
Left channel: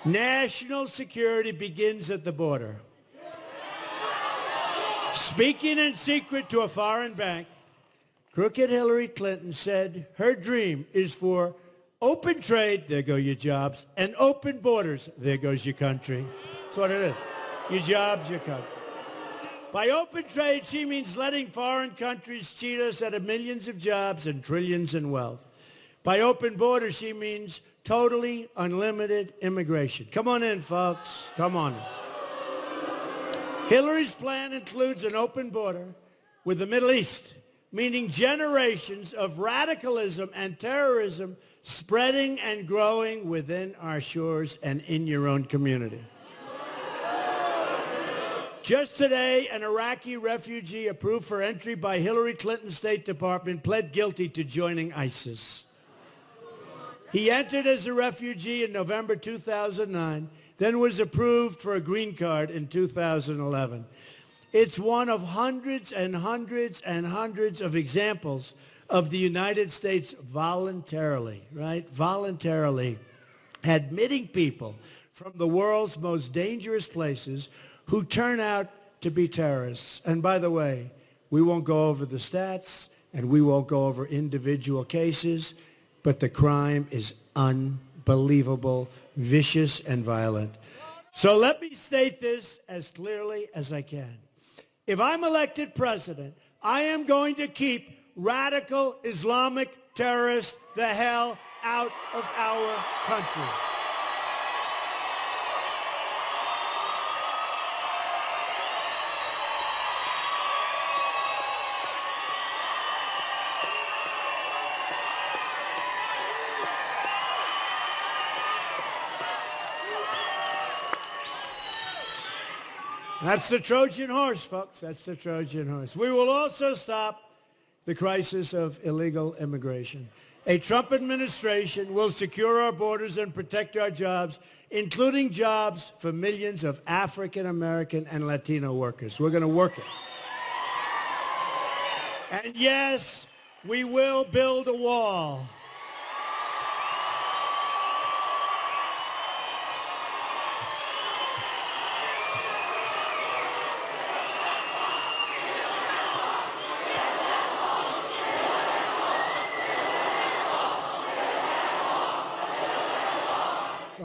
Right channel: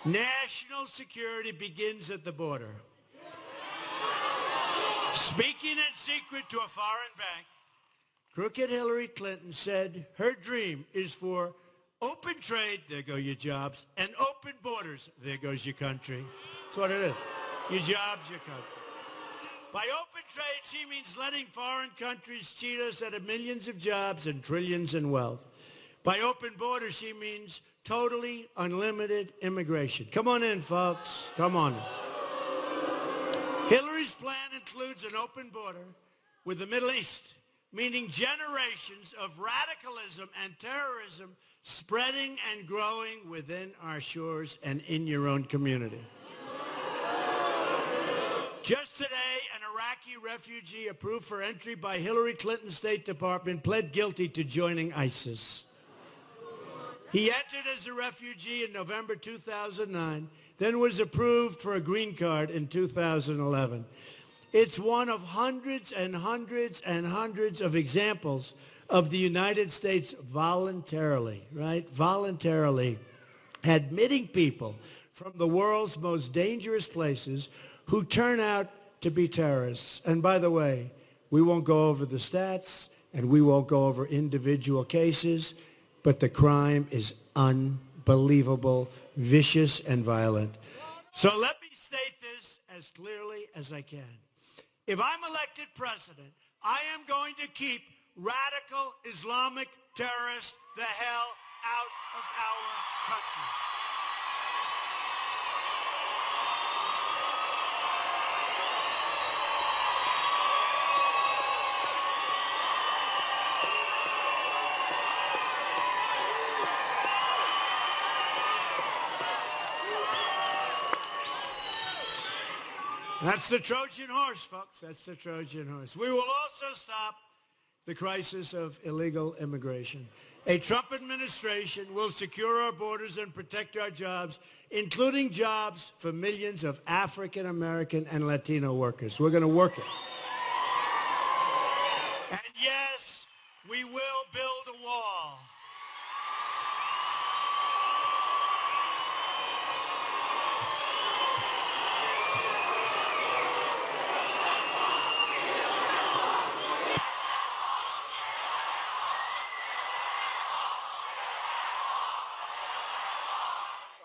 National security begins at the border. Speaking in secret to a foreign bank, crooked Hillary Clinton said her dream is for open trade, there go your jobs, and open borders, there goes your country. That's what it is. Your jobs, your country. By open trade, she means letting foreign countries cheat us out of millions of jobs and trillions in wealth. By open borders, she means totally unlimited immigration. Come on in, folks. Come on in. Hillary's plan includes an open border with the Middle East, meaning generations of radicalism and terrorism spreading and growing within our shores and in your own community. Just today, an Iraqi refugee approved for entry by Hillary Clinton's State Department pled guilty to joining ISIS. He entered as a refugee in November 2009, then was approved for a green card in 2011. It's one of hundreds and hundreds and hundreds of examples of the United States voluntarily admitting people from the world's most dangerous places who turn out to be terrorists. And by the way, we won't go over the stats and we won't go over individual cases, but the crime is unbelievable, vicious, and violent. So let me state this as clearly as I can. If I'm elected president, I am going to keep radical Islamic terrorists the hell out of our country. That's the Trojan horse, folks. That's the Trojan horse. We will also stop the crisis of illegal immigration. A Trump administration will secure our borders and protect our jobs, including jobs for millions of African American and Latino workers. We're going to work it. And yes, we will build a wall.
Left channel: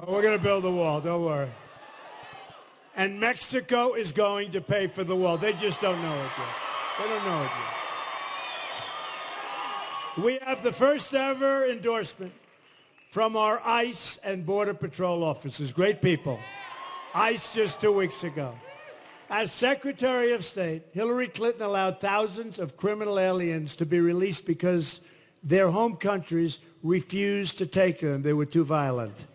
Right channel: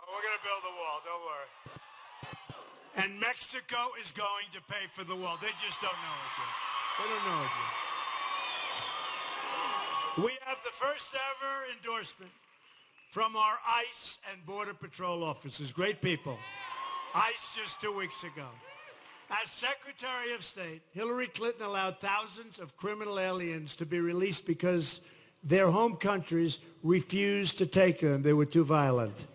We're going to build a wall, don't worry. And Mexico is going to pay for the wall. They just don't know it yet. They don't know it yet. We have the first ever endorsement from our ICE and Border Patrol officers. Great people. ICE just 2 weeks ago. As Secretary of State, Hillary Clinton allowed thousands of criminal aliens to be released because their home countries refused to take them. They were too violent.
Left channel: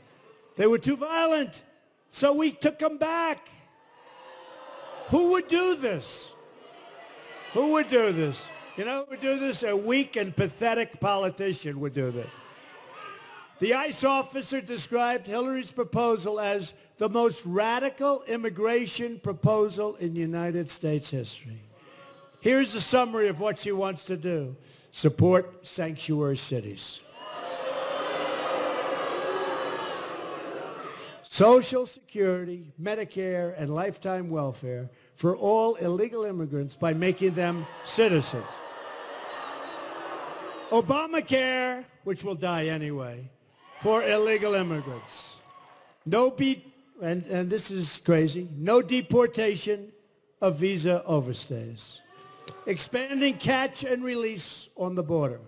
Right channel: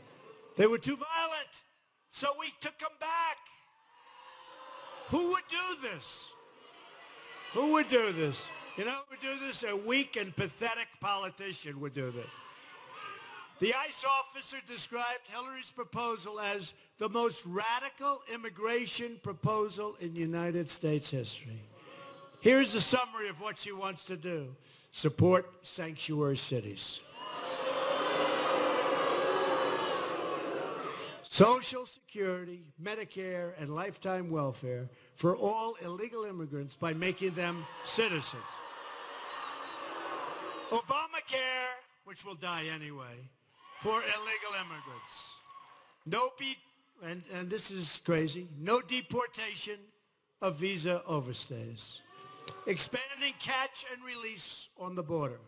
They were too violent. So we took them back. Who would do this? Who would do this? You know who would do this? A weak and pathetic politician would do this. The ICE officer described Hillary's proposal as the most radical immigration proposal in United States history. Here's a summary of what she wants to do. Support sanctuary cities. Social Security, Medicare, and lifetime welfare for all illegal immigrants by making them citizens. Obamacare, which will die anyway, for illegal immigrants. And this is crazy, no deportation of visa overstays. Expanding catch and release on the border.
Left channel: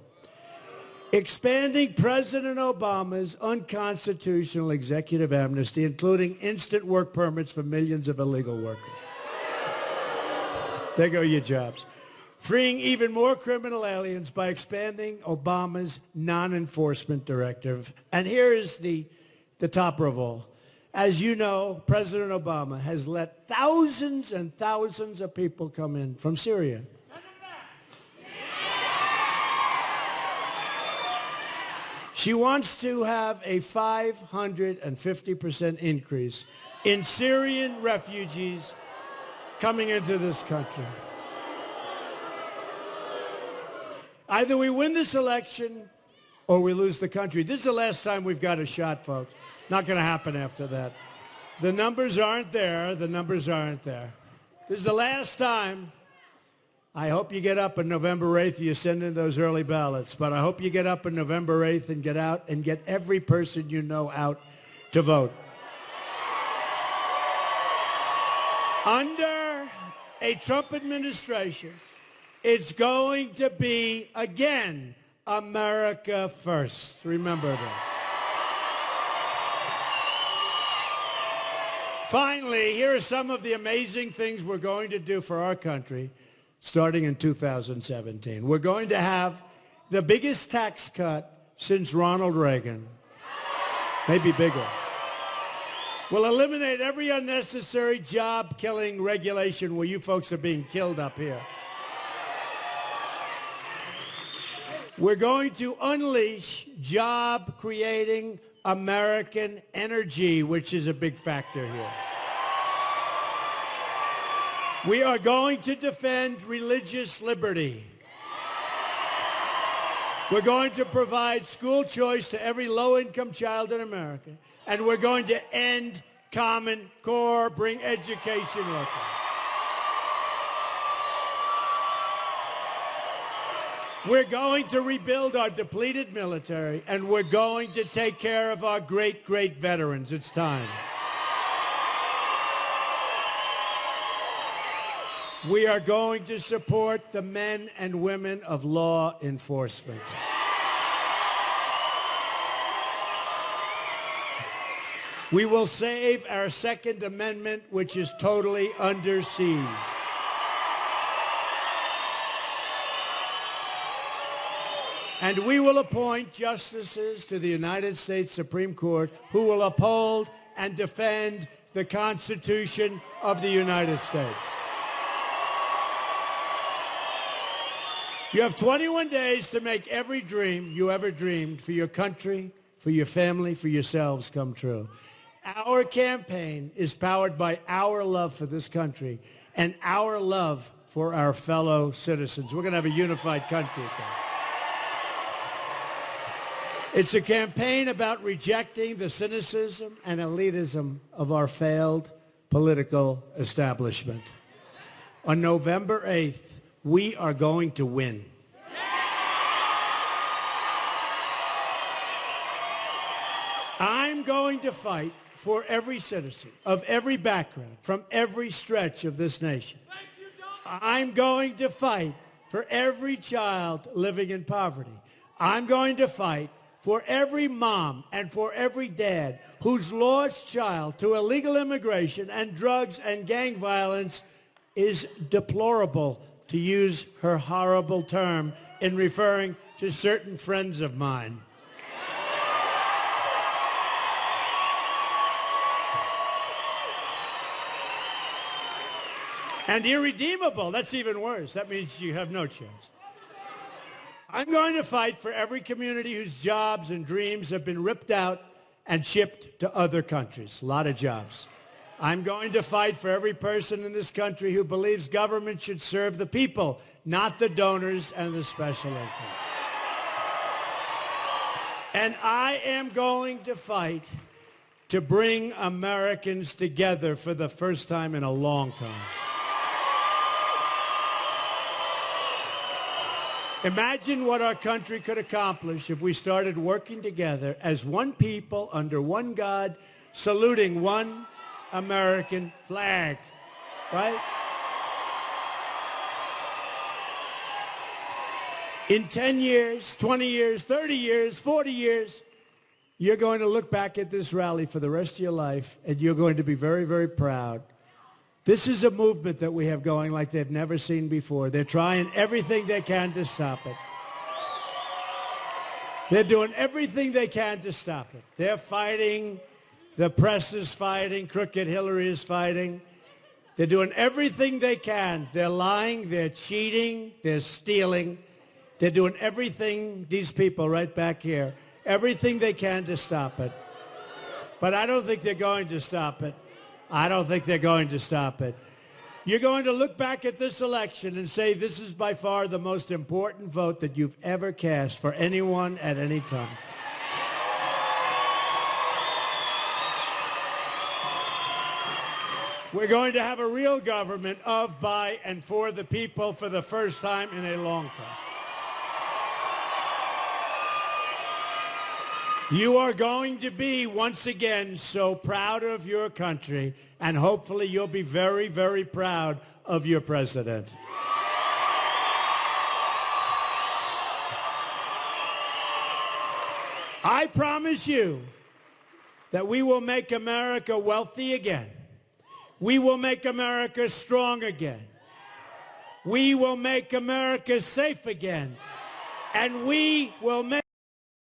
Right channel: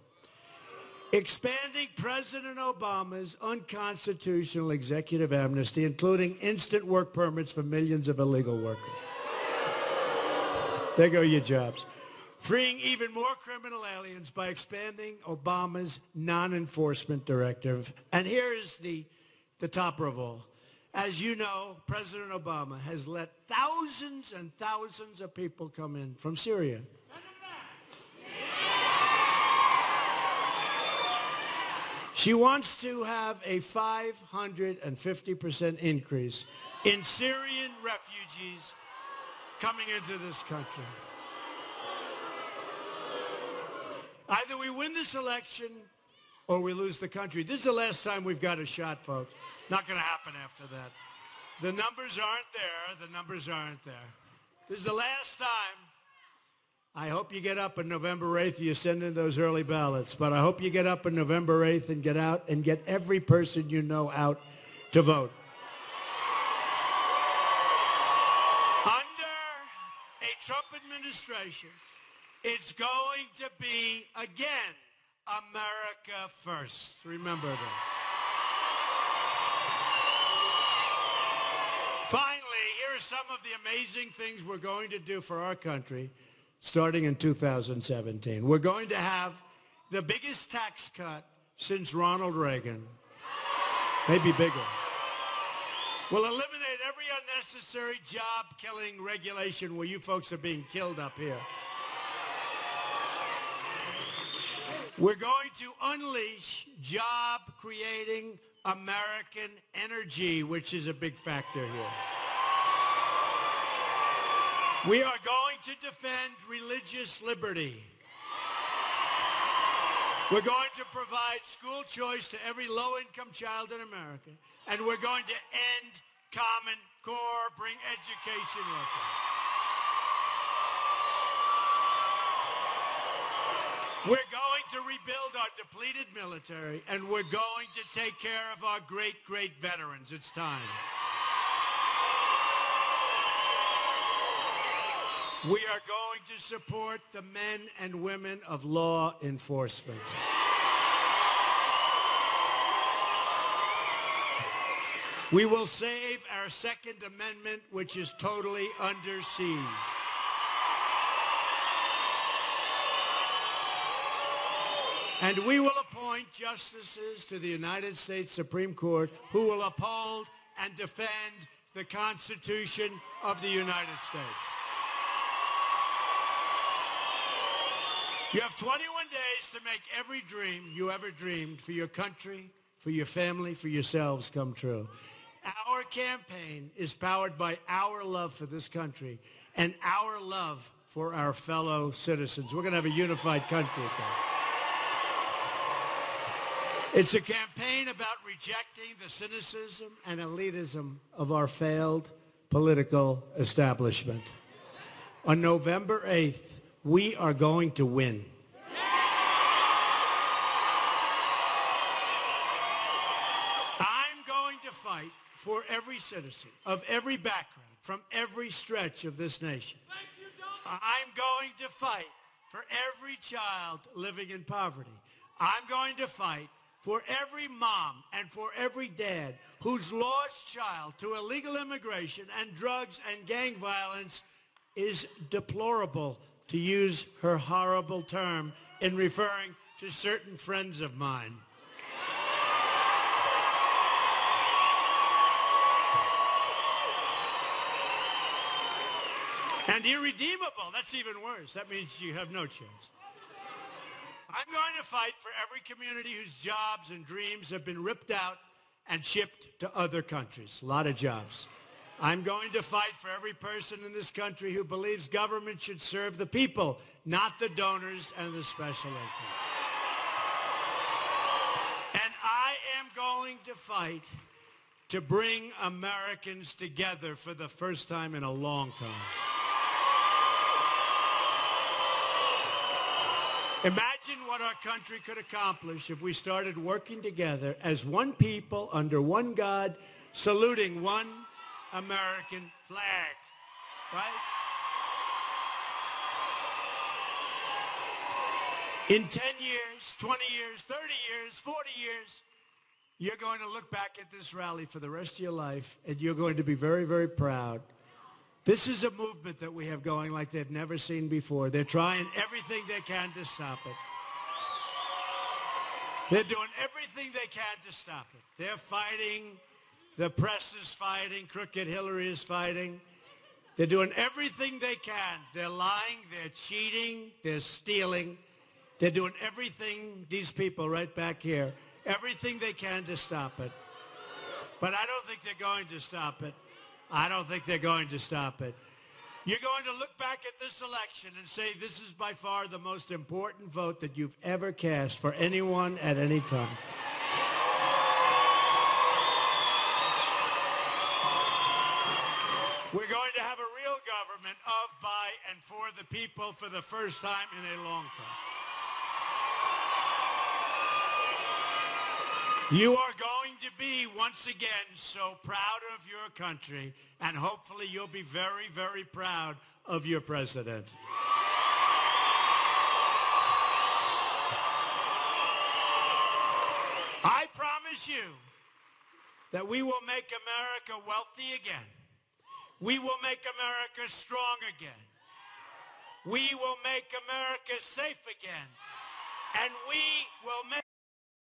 Expanding President Obama's unconstitutional executive amnesty, including instant work permits for millions of illegal workers. There go your jobs. Freeing even more criminal aliens by expanding Obama's non-enforcement directive. And here is the topper of all. As you know, President Obama has let thousands and thousands of people come in from Syria. She wants to have a 550% increase in Syrian refugees coming into this country. Either we win this election or we lose the country. This is the last time we've got a shot, folks. Not going to happen after that. The numbers aren't there. The numbers aren't there. This is the last time. I hope you get up on November 8th, you send in those early ballots, but I hope you get up on November 8th and get out and get every person you know out to vote. Under a Trump administration, it's going to be, again, America first. Remember that. Finally, here are some of the amazing things we're going to do for our country starting in 2017. We're going to have the biggest tax cut since Ronald Reagan, maybe bigger. We'll eliminate every unnecessary job-killing regulation where you folks are being killed up here. We're going to unleash job-creating American energy, which is a big factor here. We are going to defend religious liberty. We're going to provide school choice to every low-income child in America. And we're going to end Common Core, bring education local. We're going to rebuild our depleted military, and we're going to take care of our great, great veterans. It's time. We are going to support the men and women of law enforcement. We will save our Second Amendment, which is totally under siege. And we will appoint justices to the United States Supreme Court who will uphold and defend the Constitution of the United States. You have 21 days to make every dream you ever dreamed for your country, for your family, for yourselves come true. Our campaign is powered by our love for this country and our love for our fellow citizens. We're going to have a unified country again. It's a campaign about rejecting the cynicism and elitism of our failed political establishment. On November 8th, we are going to win. I'm going to fight for every citizen of every background, from every stretch of this nation. I'm going to fight for every child living in poverty. I'm going to fight for every mom and for every dad whose lost child to illegal immigration and drugs and gang violence is deplorable, to use her horrible term in referring to certain friends of mine. And irredeemable, that's even worse. That means you have no chance. I'm going to fight for every community whose jobs and dreams have been ripped out and shipped to other countries. A lot of jobs. I'm going to fight for every person in this country who believes government should serve the people, not the donors and the special interests. And I am going to fight to bring Americans together for the first time in a long time. Imagine what our country could accomplish if we started working together as one people under one God, saluting one American flag, right? In 10 years, 20 years, 30 years, 40 years, you're going to look back at this rally for the rest of your life, and you're going to be very, very proud. This is a movement that we have going like they've never seen before. They're trying everything they can to stop it. They're doing everything they can to stop it. They're fighting. The press is fighting. Crooked Hillary is fighting. They're doing everything they can. They're lying. They're cheating. They're stealing. They're doing everything, these people right back here, everything they can to stop it. But I don't think they're going to stop it. I don't think they're going to stop it. You're going to look back at this election and say this is by far the most important vote that you've ever cast for anyone at any time. We're going to have a real government of, by, and for the people for the first time in a long time. You are going to be, once again, so proud of your country, and hopefully you'll be very, very proud of your president. I promise you that we will make America wealthy again. We will make America strong again. We will make America safe again. And we will make